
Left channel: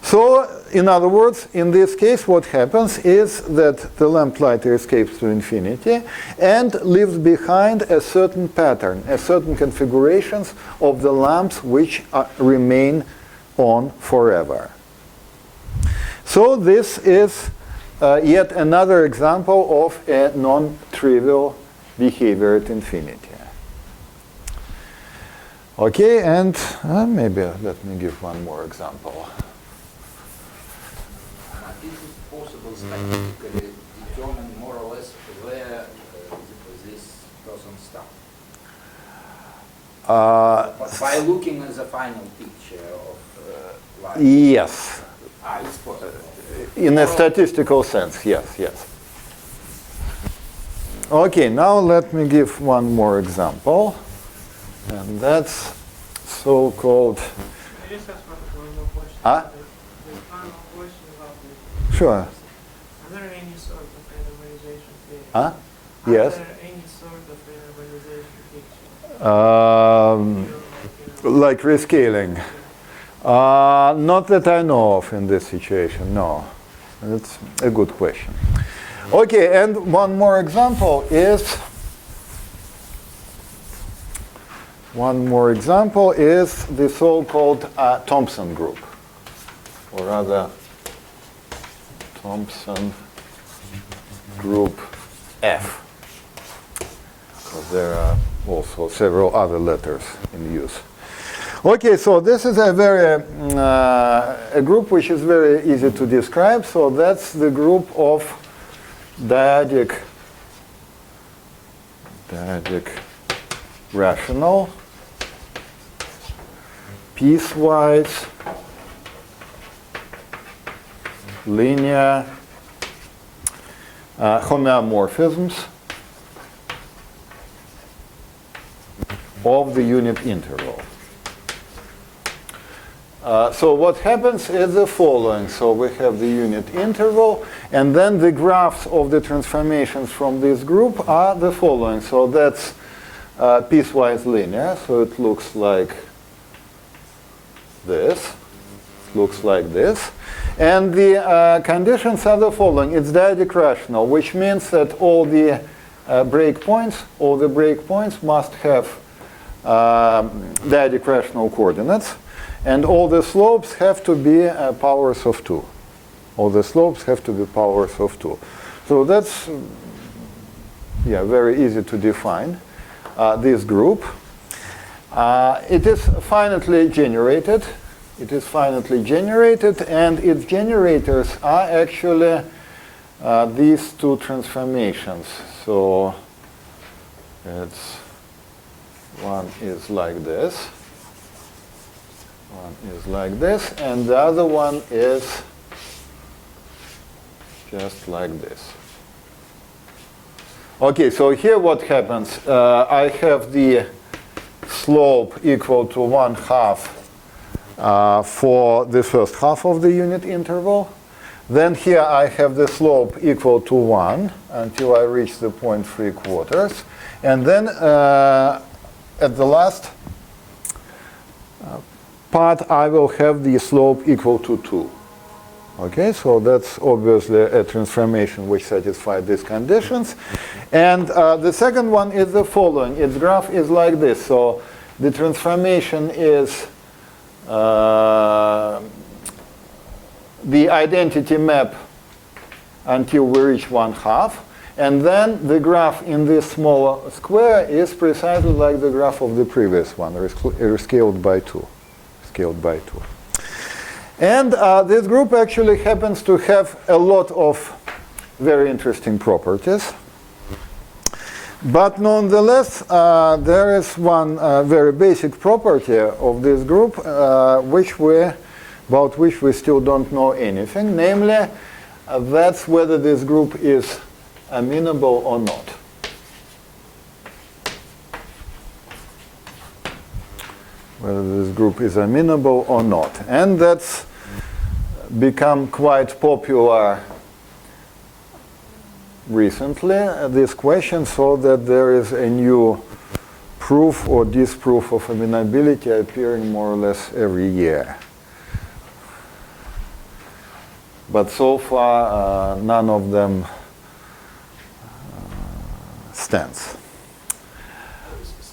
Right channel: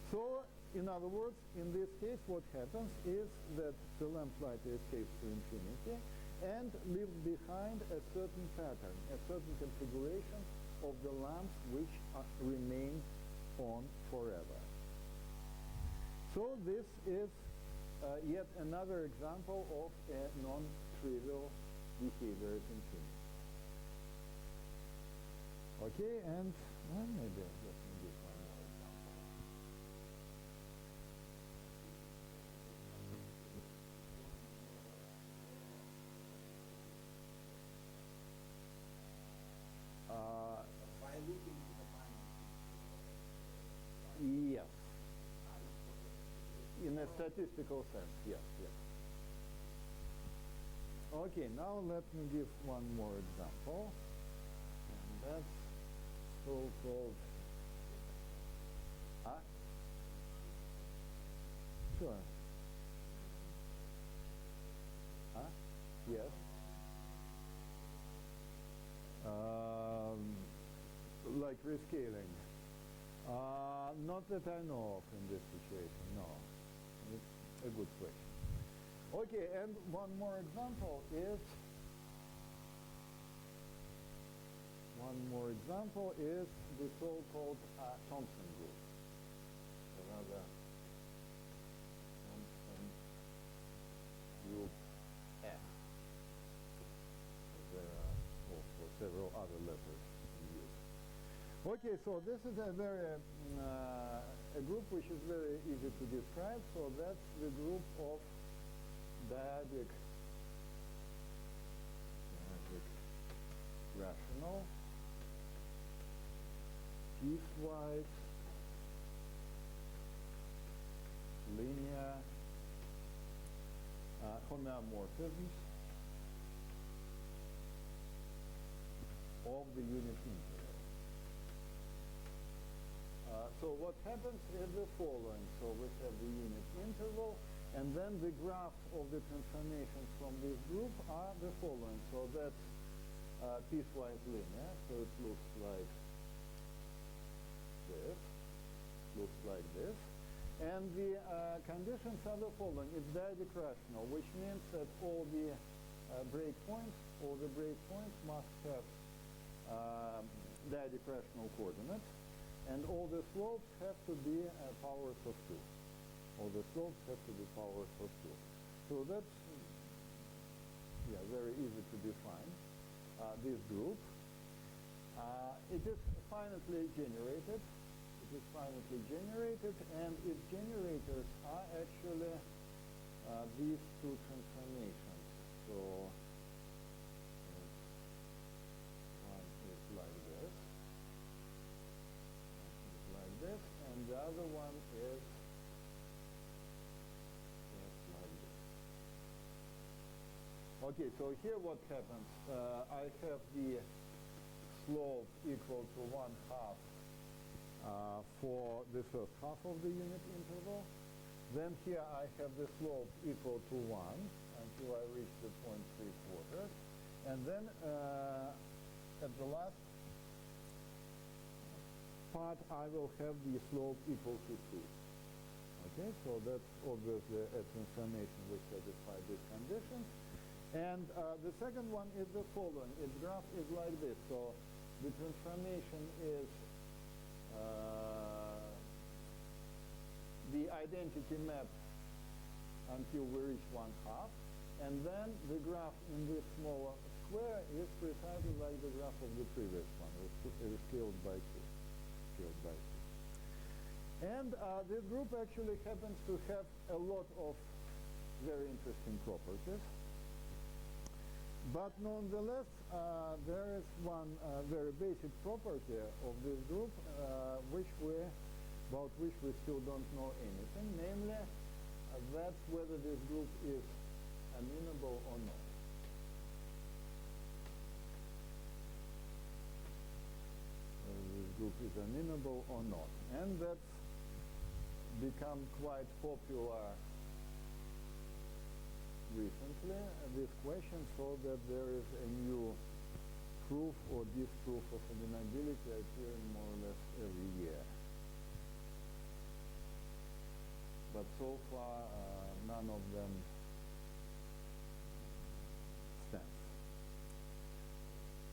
So, in other words, in this case, what happens is that the lamplighter escapes to infinity and leaves behind a certain pattern, a certain configurations of the lamps which remain on forever. So this is yet another example of a non-trivial behavior at infinity. Okay, and maybe let me give one more example. Is it possible statistically determine more or less where this person stopped? By looking at the final picture of life? Yes. It's possible. In a statistical sense, yes, yes. Okay, now let me give one more example. And that's so-called... Can I just ask one more question? Ah? The final question about the... Sure. Are there any sort of randomization theory? Huh? Are Yes. there any sort of randomization picture? Like rescaling. Not that I know of in this situation, no. That's a good question. Okay, and one more example is the so-called Thompson group, or rather Thompson group F. Because there are also several other letters in use. Okay, so this is a group which is very easy to describe. So that's the group of dyadic rational, piecewise, linear homeomorphisms of the unit interval. So what happens is the following. So we have the unit interval, and then the graphs of the transformations from this group are the following. So that's piecewise linear, so it looks like this. And the conditions are the following. It's dyadic rational, which means that all the breakpoints must have dyadic rational coordinates. And all the slopes have to be powers of 2. All the slopes have to be powers of 2. So that's very easy to define, this group. It is finitely generated. And its generators are actually these two transformations. So one is like this. And the other one is just like this. Okay, so here what happens? I have the slope equal to 1/2 for the first half of the unit interval. Then here I have the slope equal to 1 until I reach the point 3/4. And then at the last part, I will have the slope equal to 2. Okay, so that's obviously a transformation which satisfies these conditions. And the second one is the following. Its graph is like this. So the transformation is the identity map until we reach 1/2. And then the graph in this smaller square is precisely like the graph of the previous one, scaled by 2. And this group actually happens to have a lot of very interesting properties. But nonetheless, there is one very basic property of this group about which we still don't know anything. Namely, that's whether this group is amenable or not. Whether this group is amenable or not. And that's become quite popular recently this question, so that there is a new proof or disproof of amenability appearing more or less every year. But so far, none of them stands.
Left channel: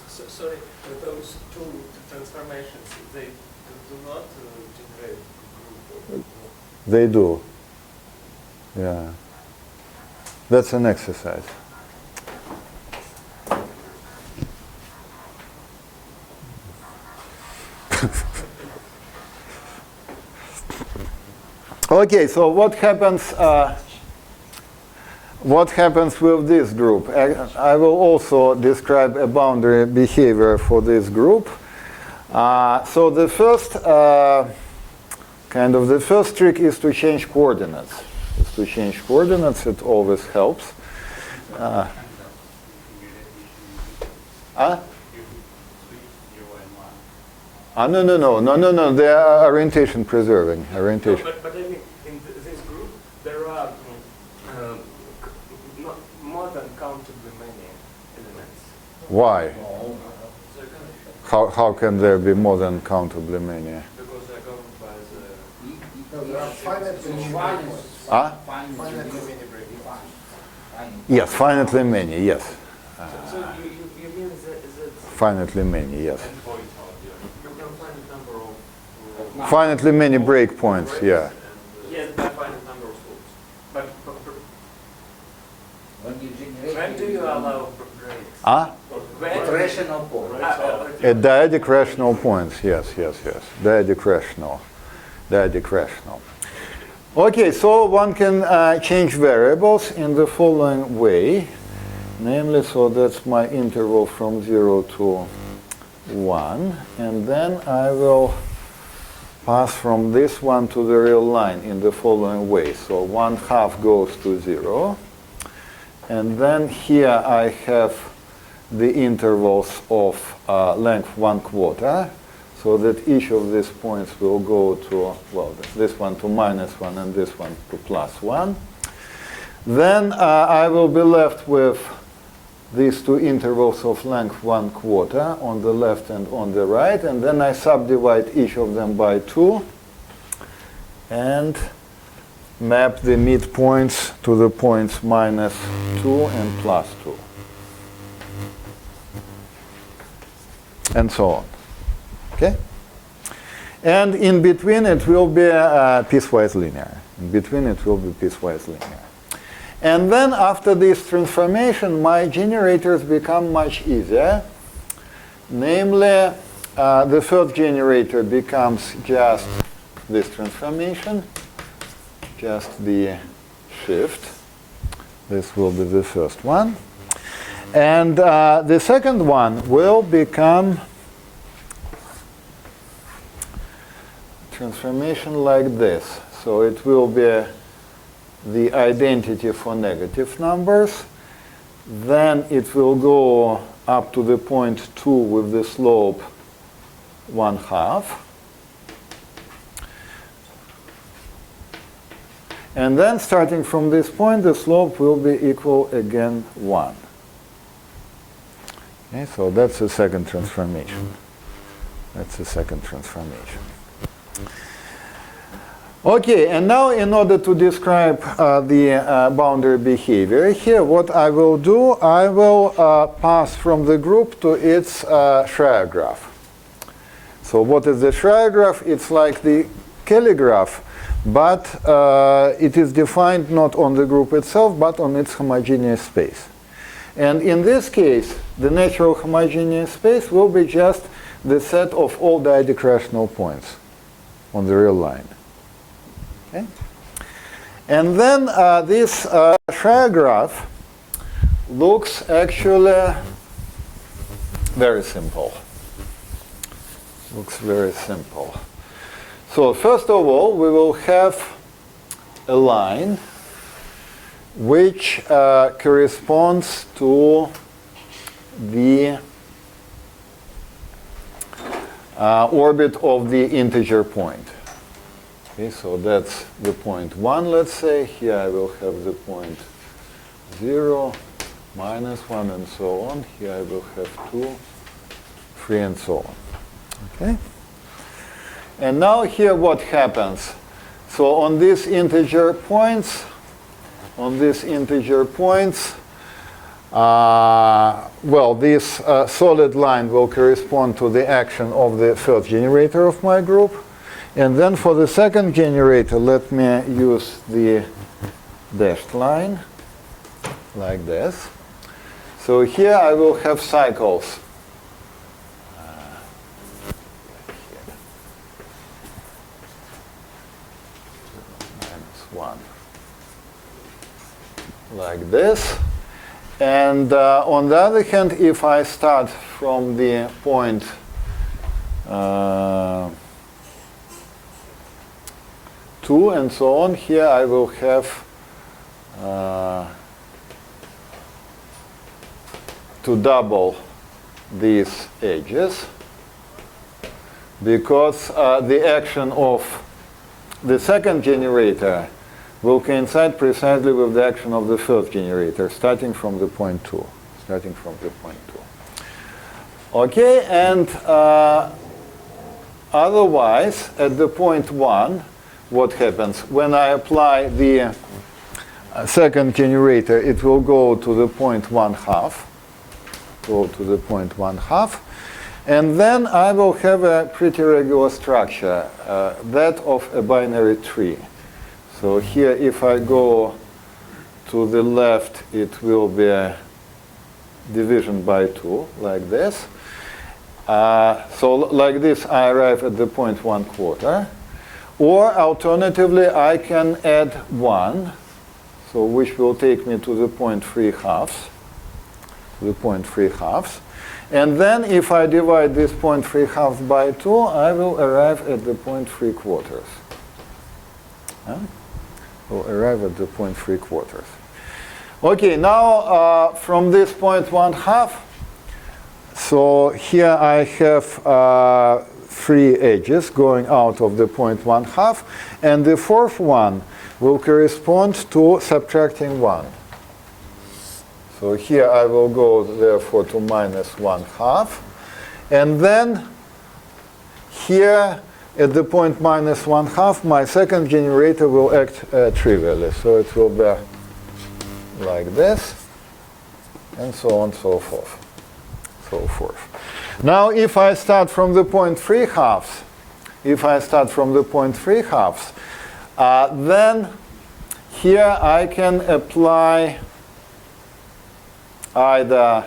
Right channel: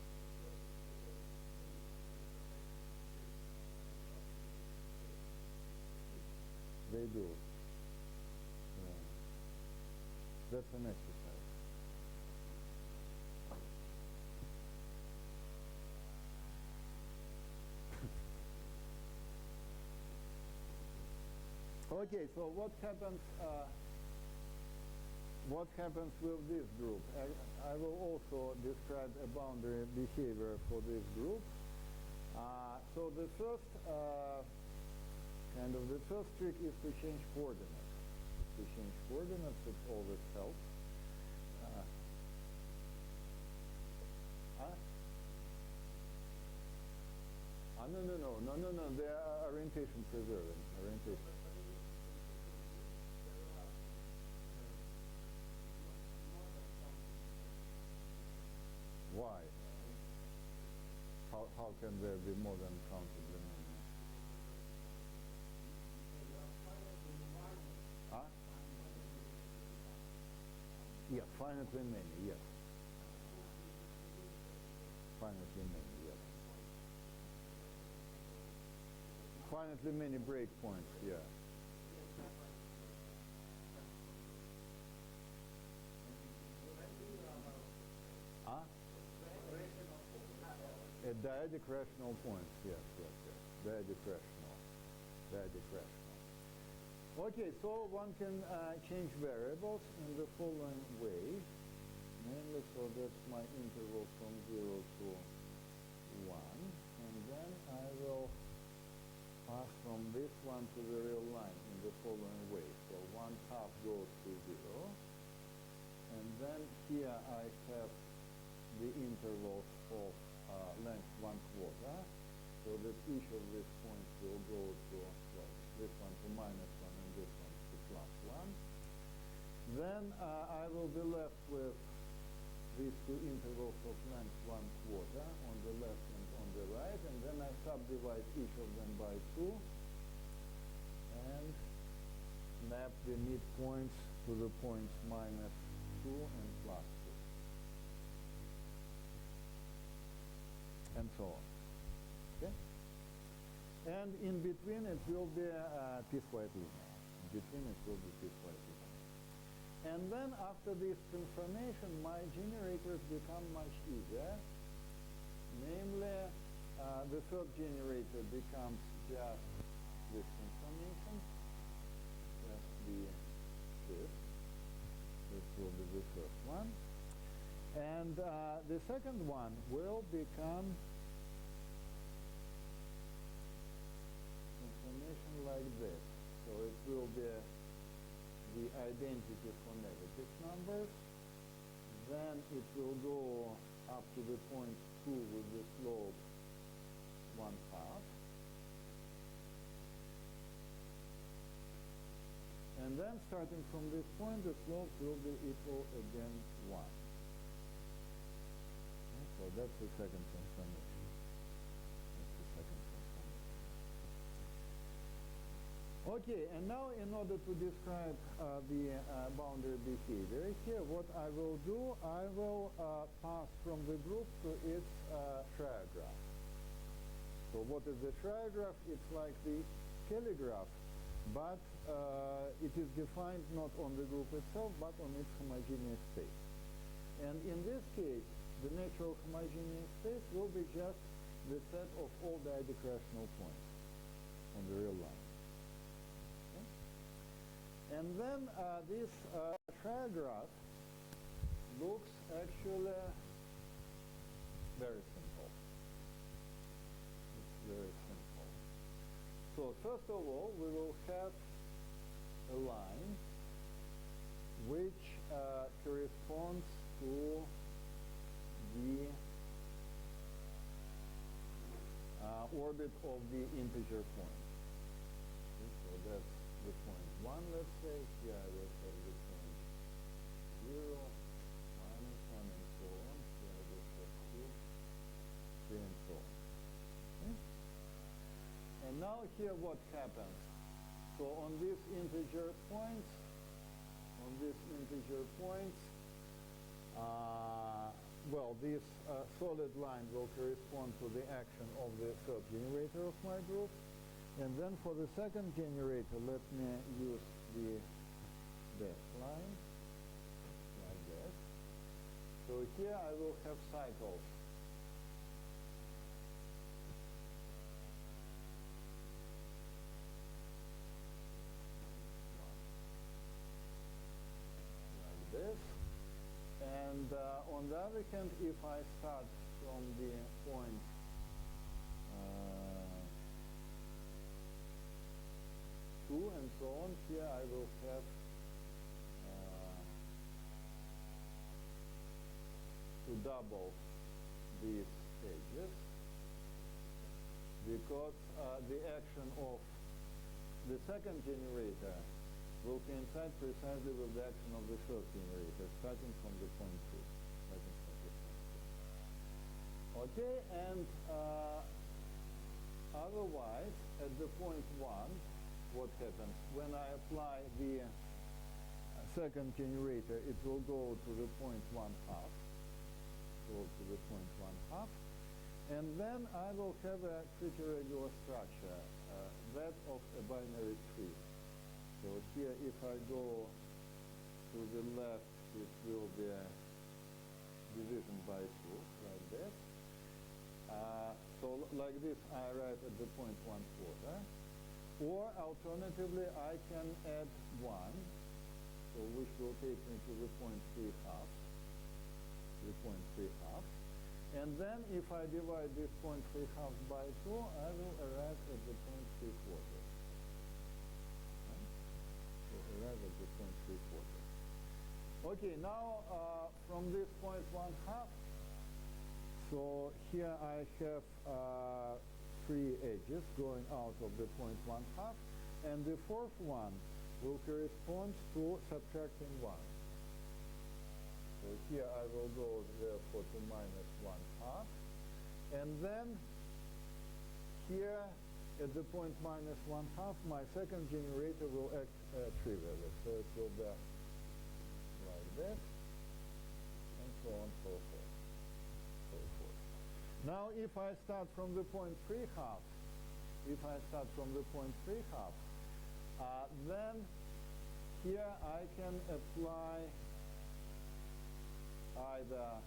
Sorry, those two transformations, they do not generate group. They do. Yeah. That's an exercise. Okay, so what happens with this group? I will also describe a boundary behavior for this group. So the first the first trick is to change coordinates. It always helps. No. They are orientation preserving. Orientation. No, but I mean, in this group, there are more than countably many elements. Why? How can there be more than countably many? Because they're governed by the... No, there are Yes, finitely many, yes. So you mean that Finitely many, yes. you can find a number of... Finitely many breakpoints, yeah. Yes, by finite number of loops. But when you generate when do you allow breaks? with rational points. At dyadic rational points, yes. Dyadic rational. Okay, so one can change variables in the following way. Namely, so that's my interval from 0 to 1. And then I will pass from this one to the real line in the following way. So 1/2 goes to 0. And then here I have the intervals of length 1/4, so that each of these points will go to, well, this one to -1 and this one to +1. Then I will be left with these two intervals of length 1/4 on the left and on the right, and then I subdivide each of them by 2 and map the midpoints to the points -2 and +2. And so on. Okay? And in between it will be piecewise linear. And then after this transformation, my generators become much easier. Namely, the first generator becomes just this transformation, just the shift. This will be the first one. And the second one will become transformation like this. So it will be the identity for negative numbers. Then it will go up to the point 2 with the slope 1/2. And then starting from this point, the slope will be equal again 1. Okay, so that's the second transformation. Okay, and now in order to describe the boundary behavior here, what I will do, I will pass from the group to its Schreier graph. So what is the Schreier graph? It's like the Kelly graph, but it is defined not on the group itself, but on its homogeneous space. And in this case, the natural homogeneous space will be just the set of all dyadic rational points on the real line. Okay? And then this Schreier graph looks actually very simple. So first of all, we will have a line which corresponds to the orbit of the integer point. Okay, so that's the point 1, let's say. Here I will have the point 0, -1, and so on. Here I will have 2, 3, and so on. Okay? And now here what happens? So on these integer points, well, this solid line will correspond to the action of the first generator of my group. And then for the second generator, let me use the dashed line like this. So here I will have cycles. -1. Like this. And on the other hand, if I start from the point 2 and so on, here I will have to double these edges, because the action of the second generator will coincide precisely with the action of the first generator, starting from the point 2. Okay, and otherwise, at the point 1, what happens? When I apply the second generator, it will go to the point 1/2. And then I will have a pretty regular structure, that of a binary tree. So here, if I go to the left, it will be a division by 2, like this. So like this, I arrive at the point 1/4. Or alternatively, I can add 1, so which will take me to the point 3/2. And then if I divide this point 3/2 by 2, I will arrive at the point 3/4. Okay, now from this point 1/2, so here I have 3 edges going out of the point 1/2, and the fourth one will correspond to subtracting 1. So here I will go, therefore, to -1/2. And then here at the point -1/2, my second generator will act trivially. So it will be like this, and so on and so forth. Now, if I start from the point 3/2, then here I can apply either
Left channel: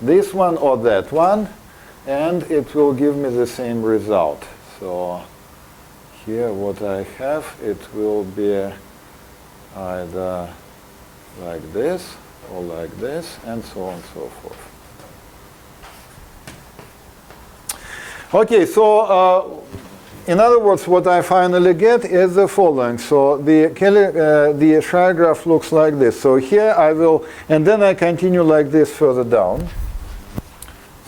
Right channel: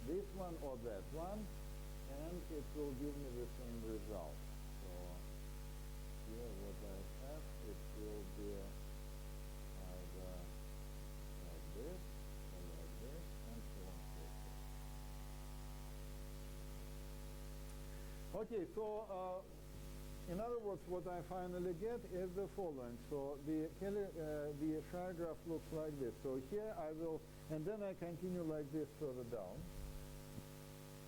this one or that one, and it will give me the same result. So here what I have, it will be either like this or like this, and so on and so forth. Okay, so in other words, what I finally get is the following. So the Schreier graph looks like this. So here I will, and then I continue like this further down.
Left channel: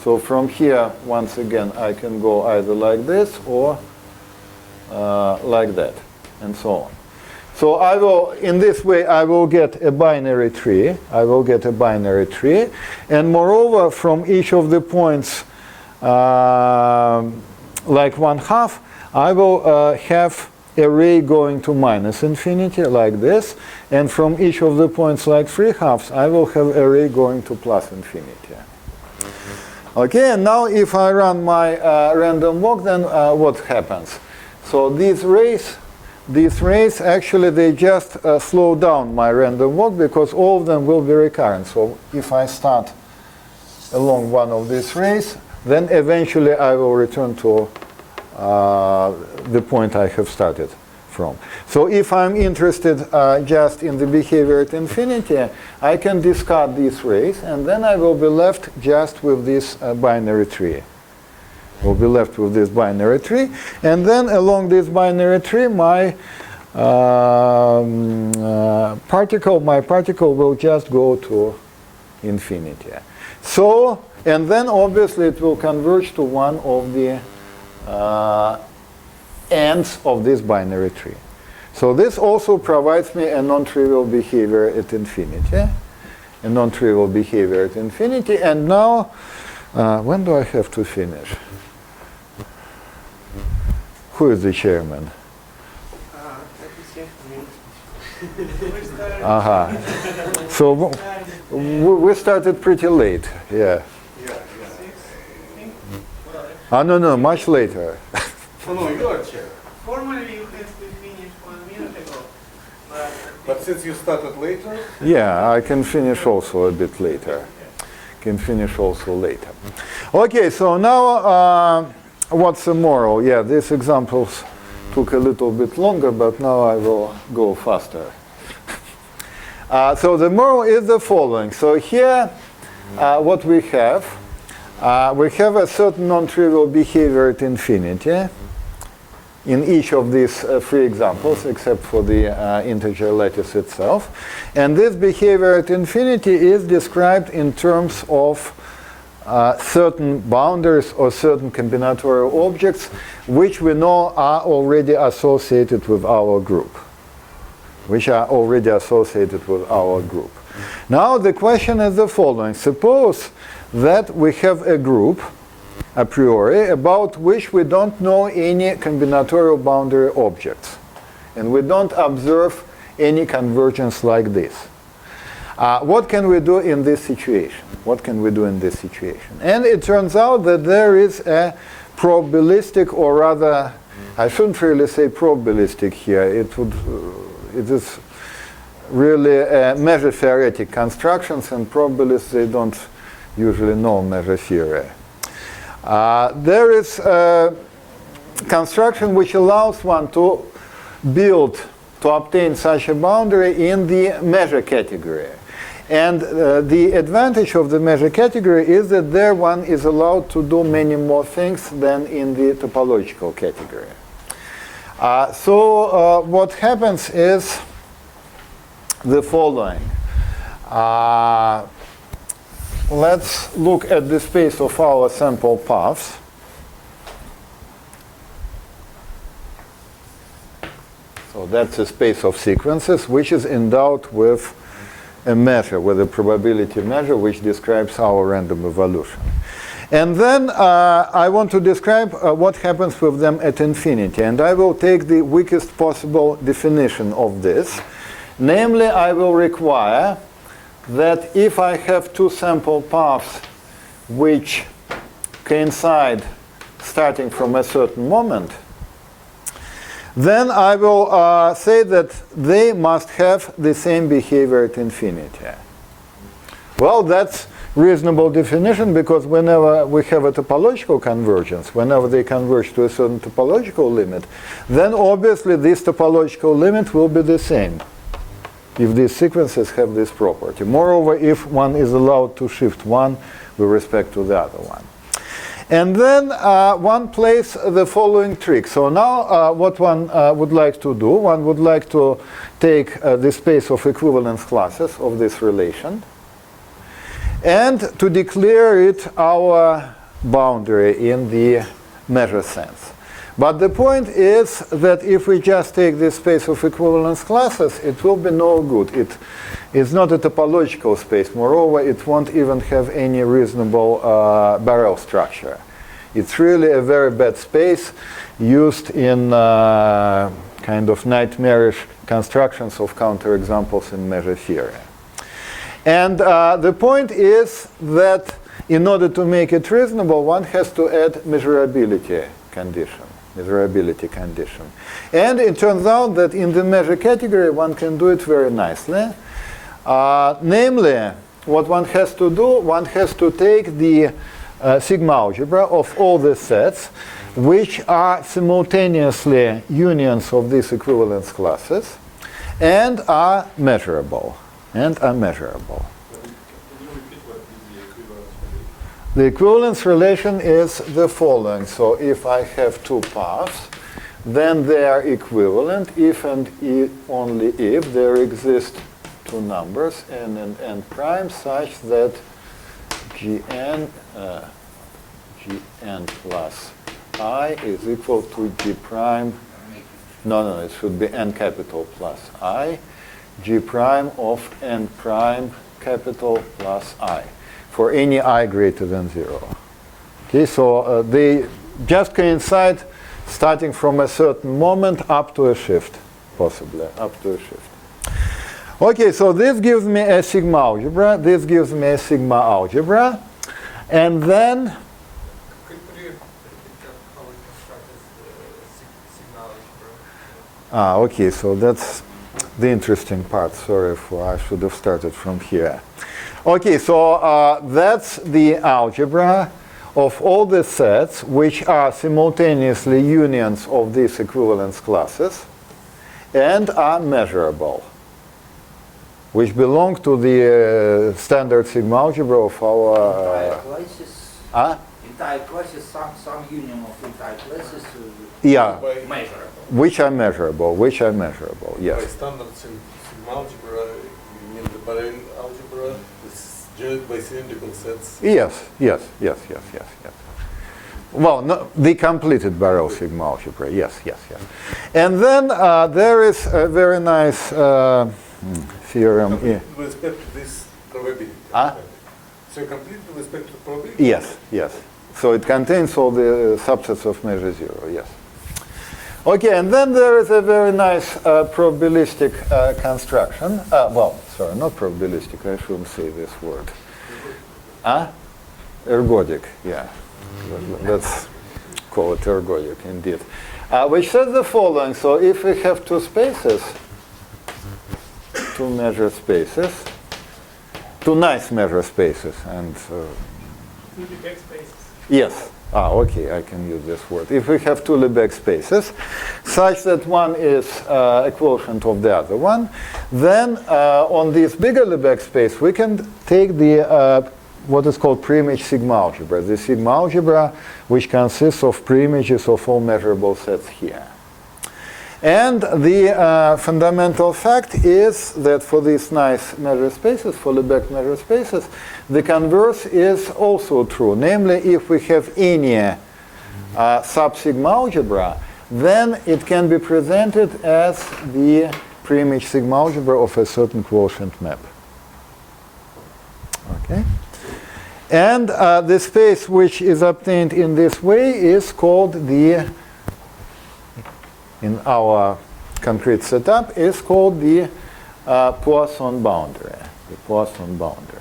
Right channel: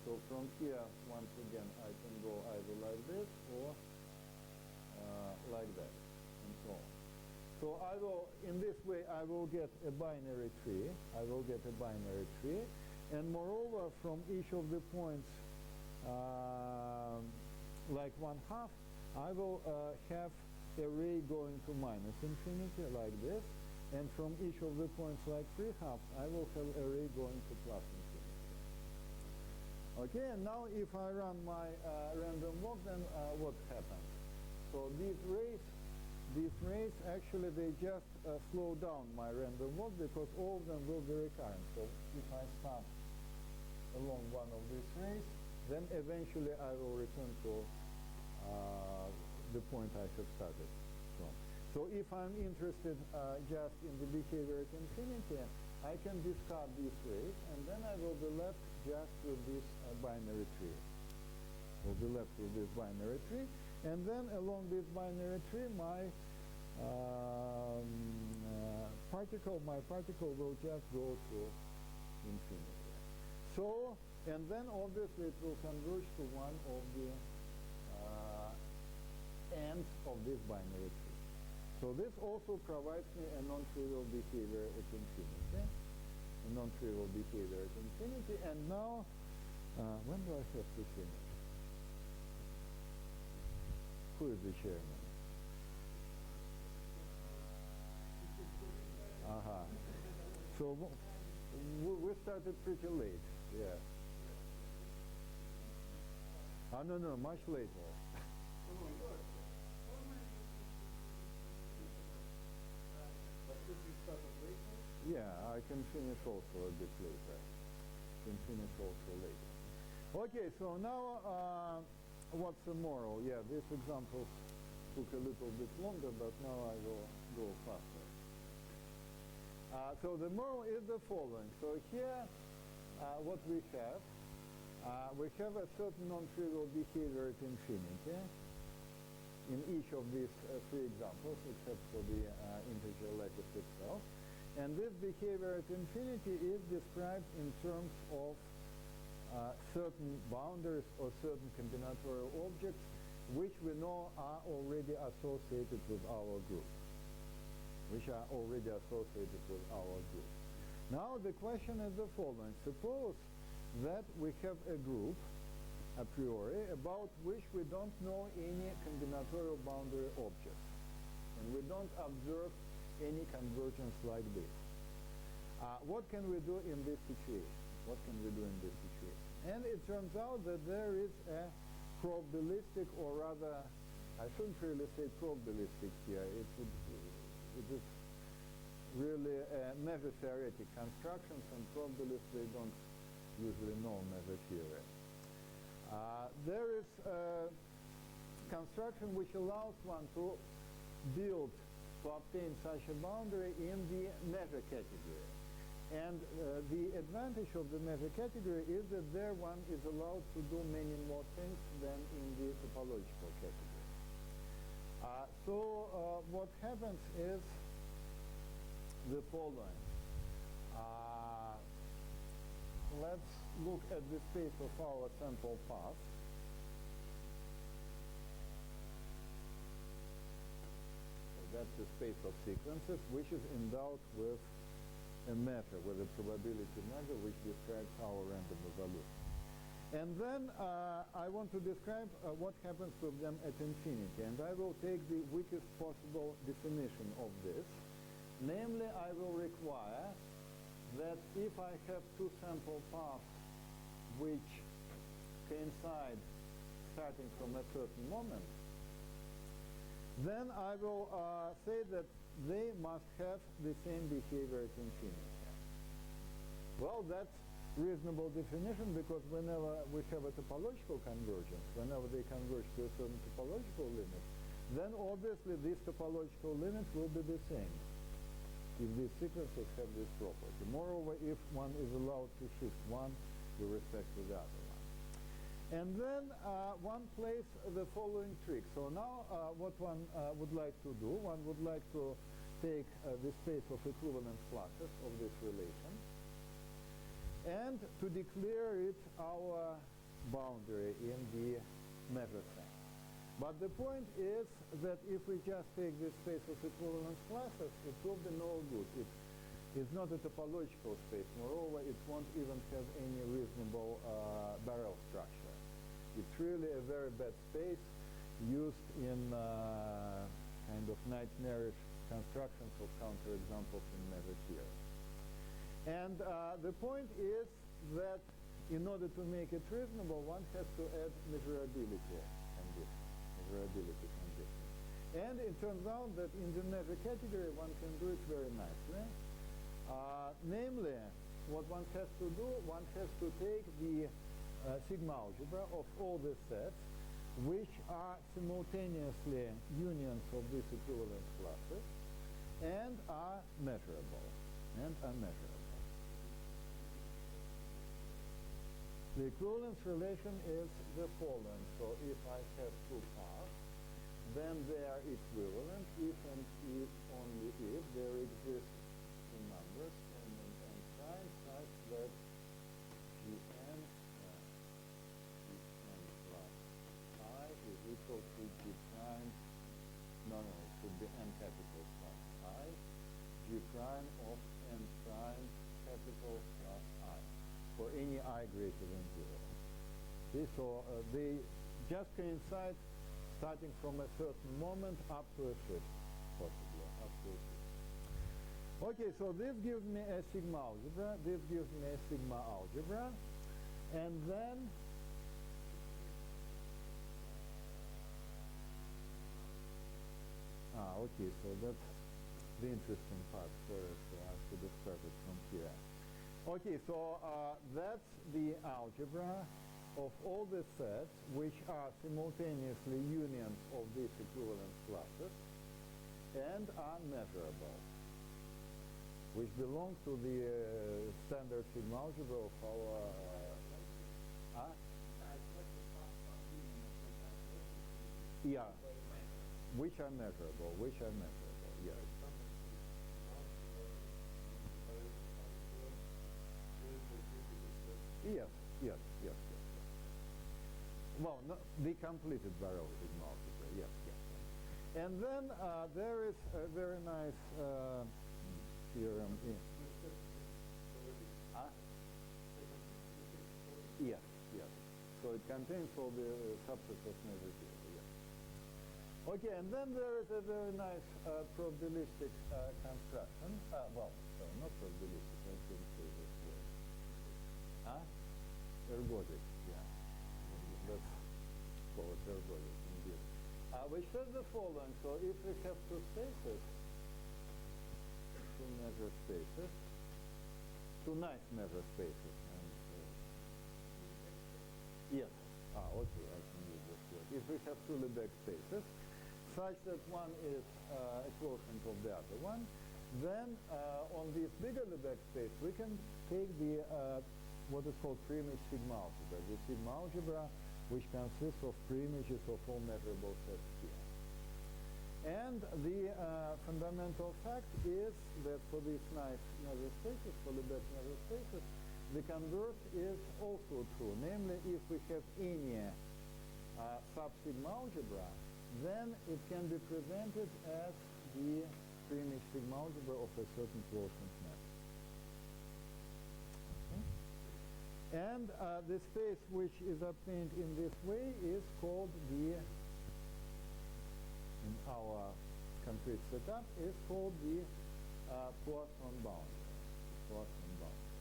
So from here, once again, I can go either like this or like that, and so on. So I will, in this way, I will get a binary tree. And moreover, from each of the points like 1/2, I will have a ray going to -infinity like this, and from each of the points like 3/2, I will have a ray going to +infinity. Okay, and now if I run my random walk, then what happens? So these rays actually, they just slow down my random walk, because all of them will be recurrent. So if I start along one of these rays, then eventually I will return to the point I have started from. So if I'm interested just in the behavior at infinity, I can discard these rays, and then I will be left just with this binary tree. And then along this binary tree, my particle will just go to infinity. So, and then obviously it will converge to one of the ends of this binary tree. So this also provides me a non-trivial behavior at infinity. a non-trivial behavior at infinity. And now, when do I have to finish? Who is the chairman? Aha. So we started pretty late. Yeah. No, much later. Oh, no, you are chair. Formally, you have to finish 1 minute ago. But since you started later, Yeah, I can finish also a bit later. Can finish also later. Okay, so now what's the moral? Yeah, these examples took a little bit longer, but now I will go faster. So the moral is the following. So here, what we have a certain non-trivial behavior at infinity in each of these three examples, except for the integer lattice itself. And this behavior at infinity is described in terms of certain boundaries or certain combinatorial objects, which we know are already associated with our group. Now the question is the following. Suppose that we have a group a priori about which we don't know any combinatorial boundary objects, and we don't observe any convergence like this. What can we do in this situation? And it turns out that there is a probabilistic, or rather, I shouldn't really say probabilistic here. It is really measure theoretic constructions, and probabilists, they don't usually know measure theory. There is a construction which allows one to obtain such a boundary in the measure category. And the advantage of the measure category is that there one is allowed to do many more things than in the topological category. So what happens is the following. Let's look at the space of our sample paths. So that's a space of sequences which is endowed with a measure, with a probability measure which describes our random evolution. And then I want to describe what happens with them at infinity. And I will take the weakest possible definition of this. Namely, I will require that if I have two sample paths which coincide starting from a certain moment, then I will say that they must have the same behavior at infinity. Well, that's reasonable definition, because whenever we have a topological convergence, whenever they converge to a certain topological limit, then obviously this topological limit will be the same if these sequences have this property. Moreover, if one is allowed to shift one with respect to the other one. And then one plays the following trick. So now what one would like to do, one would like to take the space of equivalence classes of this relation and to declare it our boundary in the measure sense. But the point is that if we just take this space of equivalence classes, it will be no good. It is not a topological space. Moreover, it won't even have any reasonable barrel structure. It's really a very bad space used in kind of nightmarish constructions of counterexamples in measure theory. And the point is that in order to make it reasonable, one has to add measurability condition. And it turns out that in the measure category, one can do it very nicely. Namely, what one has to do, one has to take the sigma algebra of all the sets which are simultaneously unions of these equivalence classes and are measurable. The equivalence relation is the following. So if I have two paths, then they are equivalent if and only if there exist two numbers, n and n prime, such that gn plus I is equal to g prime. No, it should be n capital plus I, g prime of n prime capital plus I for any I greater than 0. Okay, so they just coincide starting from a certain moment up to a shift, possibly, up to a shift. Okay, so this gives me a sigma algebra, this gives me a sigma algebra, and then Could you repeat how we constructed the sigma algebra? okay, so that's the interesting part. Sorry, I should have started from here. Okay, so that's the algebra of all the sets which are simultaneously unions of these equivalence classes and are measurable, which belong to the standard sigma algebra of our... Entire classes, some union of entire classes yeah, measurable. which are measurable, By yes. standard sigma algebra, you mean the parallel algebra, this generated by cylindrical sets? Yes. Well, no, the completed Barrow sigma algebra, yes. And then there is a very nice theorem. Complete with respect to this probability. So complete with respect to probability? Yes. So it contains all the subsets of measure 0, yes. Okay, and then there is a very nice probabilistic construction. Well, sorry, not probabilistic, I shouldn't say this word. Ergodic, yeah. Let's call it ergodic, indeed. Which says the following. So if we have two spaces, two measure spaces, two nice measure spaces, and... Two Lebesgue spaces. yes. Okay, I can use this word. If we have two Lebesgue spaces, such that one is a quotient of the other one, then on this bigger Lebesgue space, we can take the what is called preimage sigma algebra, the sigma algebra which consists of preimages of all measurable sets here. And the fundamental fact is that for these nice measure spaces, for Lebesgue measure spaces, the converse is also true. Namely, if we have any sub-sigma algebra, then it can be presented as the preimage sigma algebra of a certain quotient map. Okay? And the space which is obtained in this way is called the, in our concrete setup, is called the Poisson boundary. The Poisson boundary.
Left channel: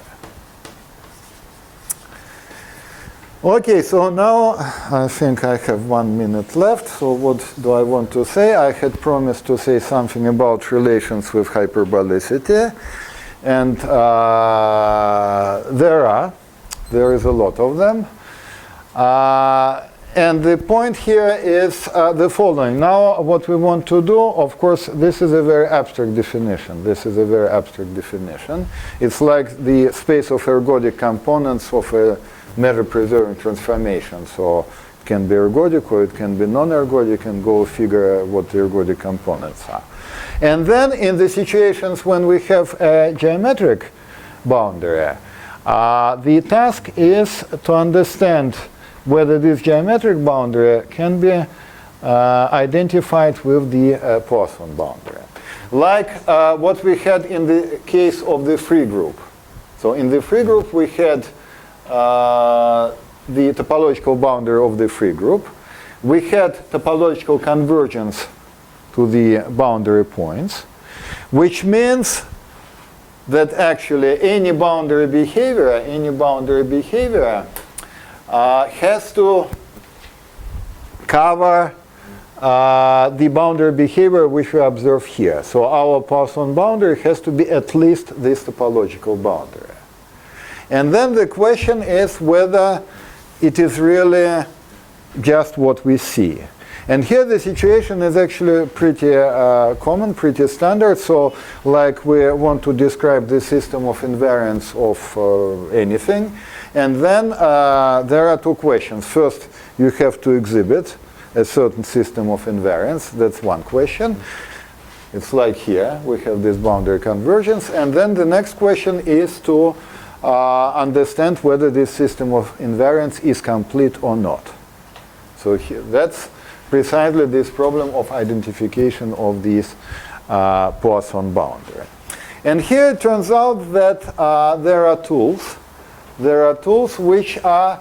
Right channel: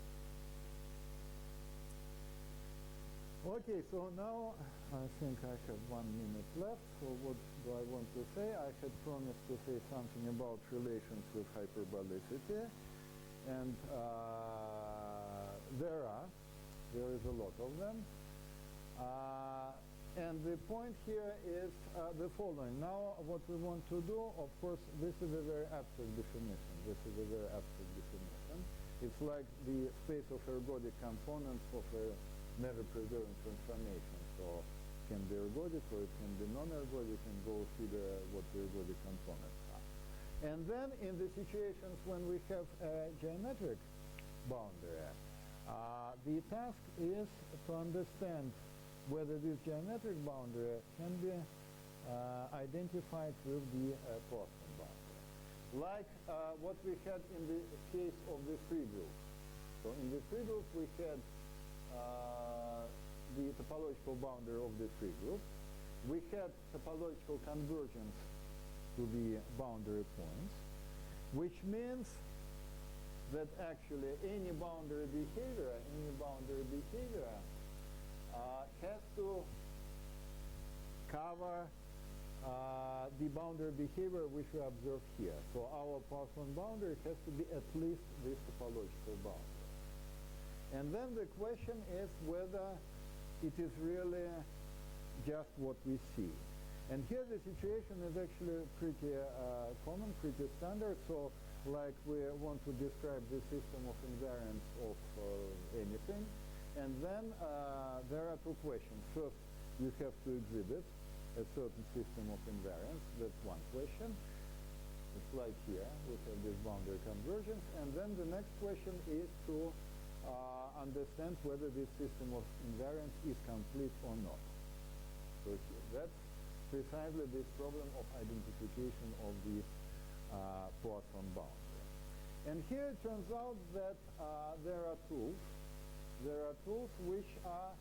Okay, so now I think I have 1 minute left. So what do I want to say? I had promised to say something about relations with hyperbolicity. And there is a lot of them. And the point here is the following. Now what we want to do, of course, this is a very abstract definition. It's like the space of ergodic components of a measure-preserving transformation. So it can be ergodic or it can be non-ergodic, and go figure what the ergodic components are. And then in the situations when we have a geometric boundary, the task is to understand whether this geometric boundary can be identified with the Poisson boundary. Like what we had in the case of the free group. So in the free group we had the topological boundary of the free group. We had topological convergence to the boundary points, which means that actually any boundary behavior has to cover the boundary behavior which we observe here. So our Poisson boundary has to be at least this topological boundary. And then the question is whether it is really just what we see. And here the situation is actually pretty common, pretty standard. So like we want to describe the system of invariance of anything. And then there are two questions. First, you have to exhibit a certain system of invariance. That's one question. It's like here. We have this boundary convergence. And then the next question is to understand whether this system of invariance is complete or not. So here, that's precisely this problem of identification of this Poisson boundary. And here it turns out that there are tools. There are tools which are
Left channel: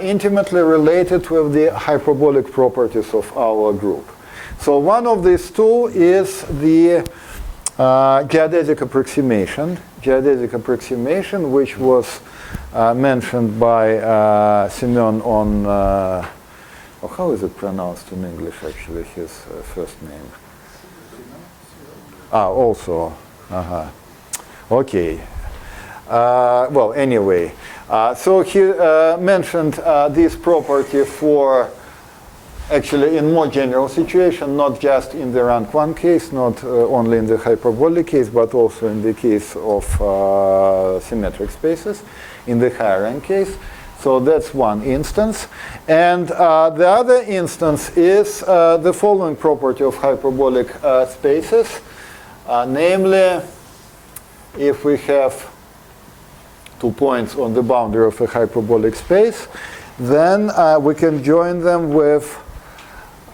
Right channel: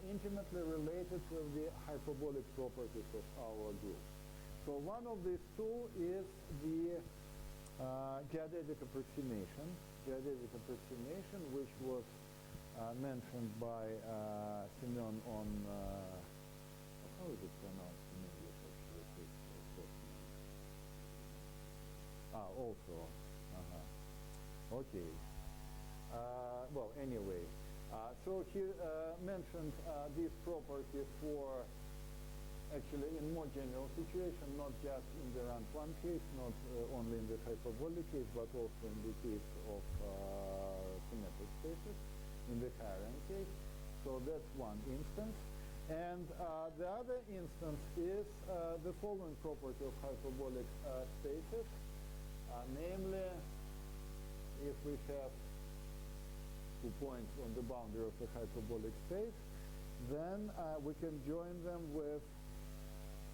intimately related with the hyperbolic properties of our group. So one of these tools is the geodesic approximation. Geodesic approximation, which was mentioned by Semyon on, how is it pronounced in English actually, his first name? Also. Okay. Well, anyway, so he mentioned this property for actually in more general situation, not just in the rank 1 case, not only in the hyperbolic case, but also in the case of symmetric spaces, in the higher rank case. So that's one instance. And the other instance is the following property of hyperbolic spaces. Namely, if we have 2 points on the boundary of a hyperbolic space, then we can join them with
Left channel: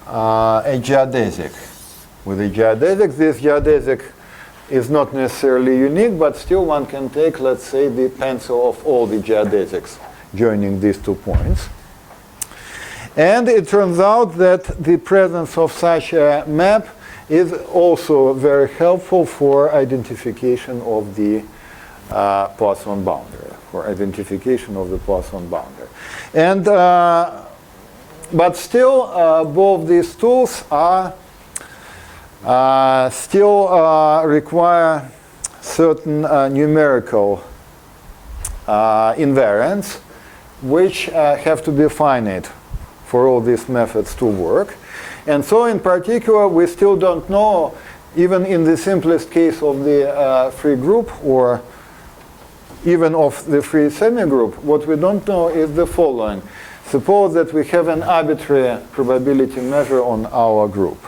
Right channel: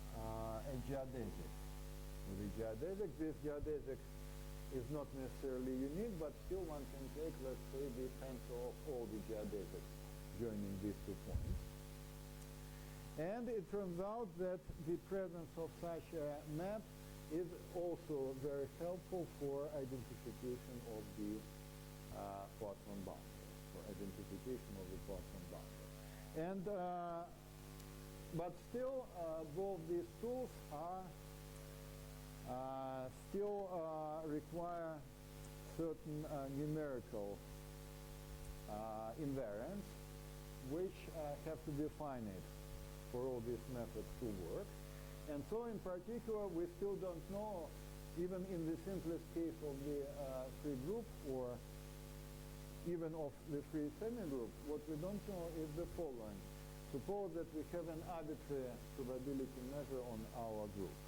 a geodesic. With a geodesic, this geodesic is not necessarily unique, but still one can take, let's say, the pencil of all the geodesics joining these 2 points. And it turns out that the presence of such a map is also very helpful for identification of the Poisson boundary, And but still, both these tools are still require certain numerical invariants, which have to be finite for all these methods to work. And so in particular, we still don't know, even in the simplest case of the free group or even of the free semigroup, what we don't know is the following. Suppose that we have an arbitrary probability measure on our group.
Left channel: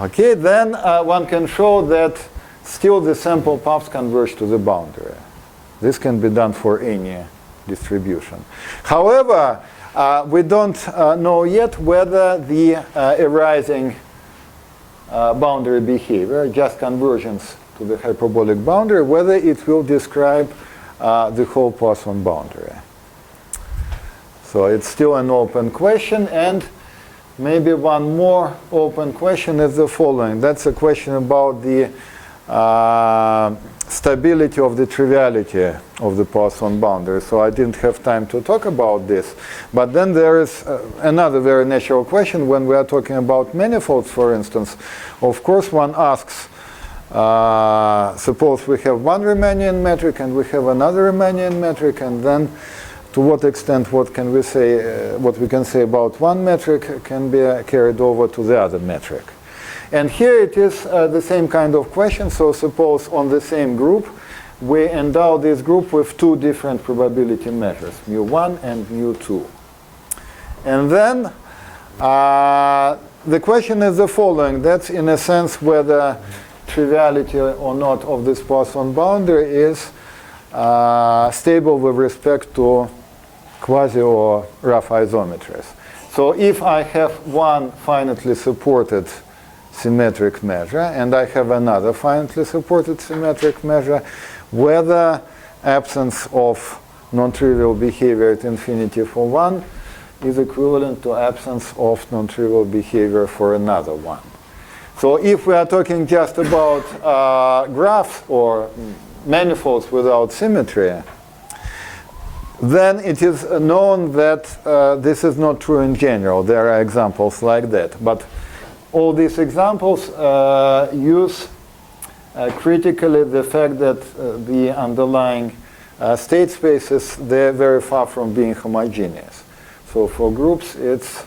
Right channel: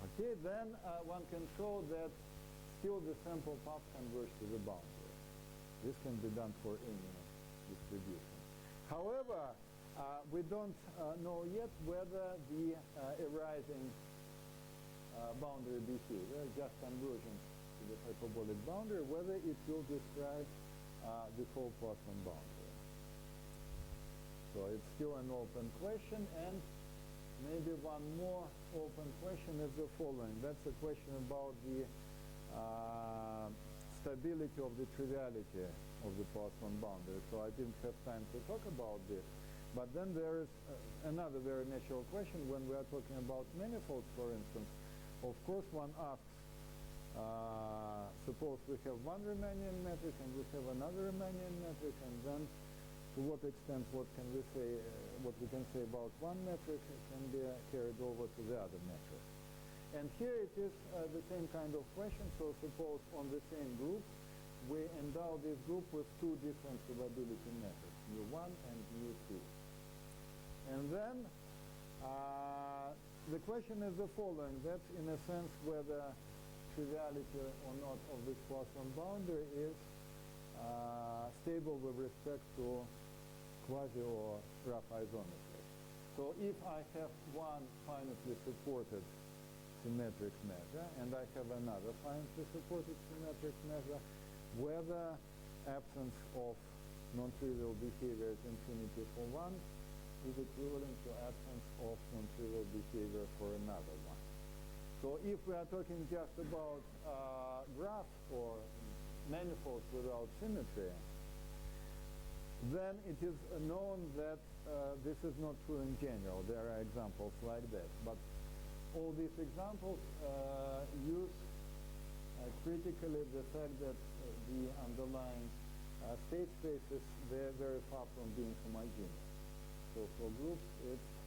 Okay, then one can show that still the sample paths converge to the boundary. This can be done for any distribution. However, we don't know yet whether the arising boundary behavior, just convergence to the hyperbolic boundary, whether it will describe the whole Poisson boundary. So it's still an open question, and maybe one more open question is the following. That's a question about the stability of the triviality of the Poisson boundary. So I didn't have time to talk about this. But then there is another very natural question when we are talking about manifolds, for instance. Of course, one asks, suppose we have one Riemannian metric and we have another Riemannian metric, and then to what extent what can we say, what we can say about one metric can be carried over to the other metric. And here it is the same kind of question. So suppose on the same group, we endow this group with 2 different probability measures, mu1 and mu2. And then the question is the following. That's in a sense whether triviality or not of this Poisson boundary is stable with respect to quasi or rough isometries. So if I have one finitely supported symmetric measure and I have another finitely supported symmetric measure, whether absence of non-trivial behavior at infinity for one is equivalent to absence of non-trivial behavior for another one. So if we are talking just about graphs or manifolds without symmetry, then it is known that this is not true in general. There are examples like that. But all these examples use critically the fact that the underlying state spaces, they're very far from being homogeneous. So for groups, it's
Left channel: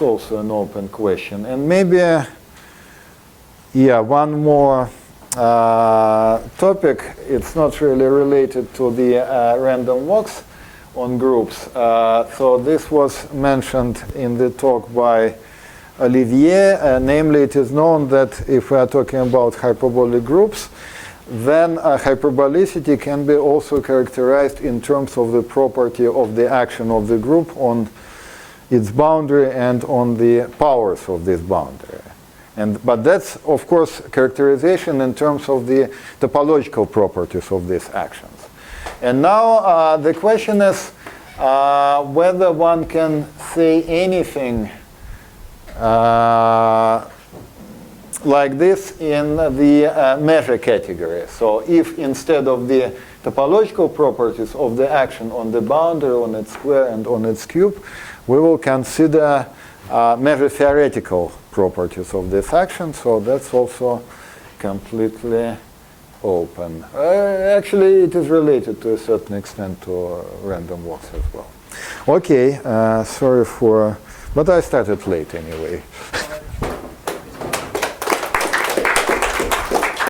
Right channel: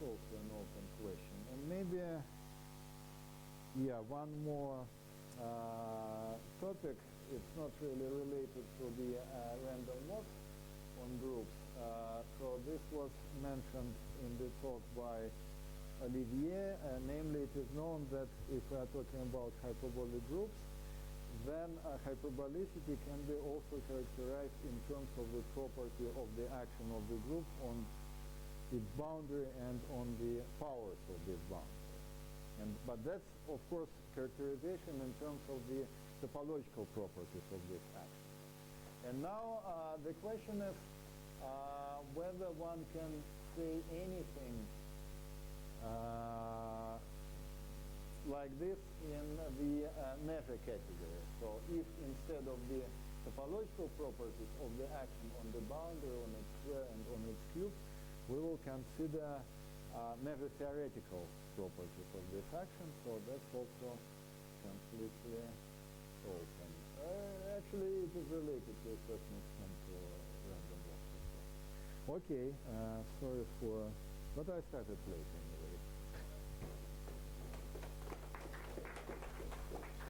also an open question. And maybe, one more topic. It's not really related to the random walks on groups. So this was mentioned in the talk by Olivier. Namely, it is known that if we are talking about hyperbolic groups, then hyperbolicity can be also characterized in terms of the property of the action of the group on its boundary and on the powers of this boundary. But that's, of course, characterization in terms of the topological properties of these actions. And now the question is whether one can say anything like this in the measure category. So if instead of the topological properties of the action on the boundary, on its square, and on its cube, we will consider measure theoretical properties of this action. So that's also completely open. Actually, it is related to a certain extent to random walks as well. Okay, sorry for, but I started late anyway.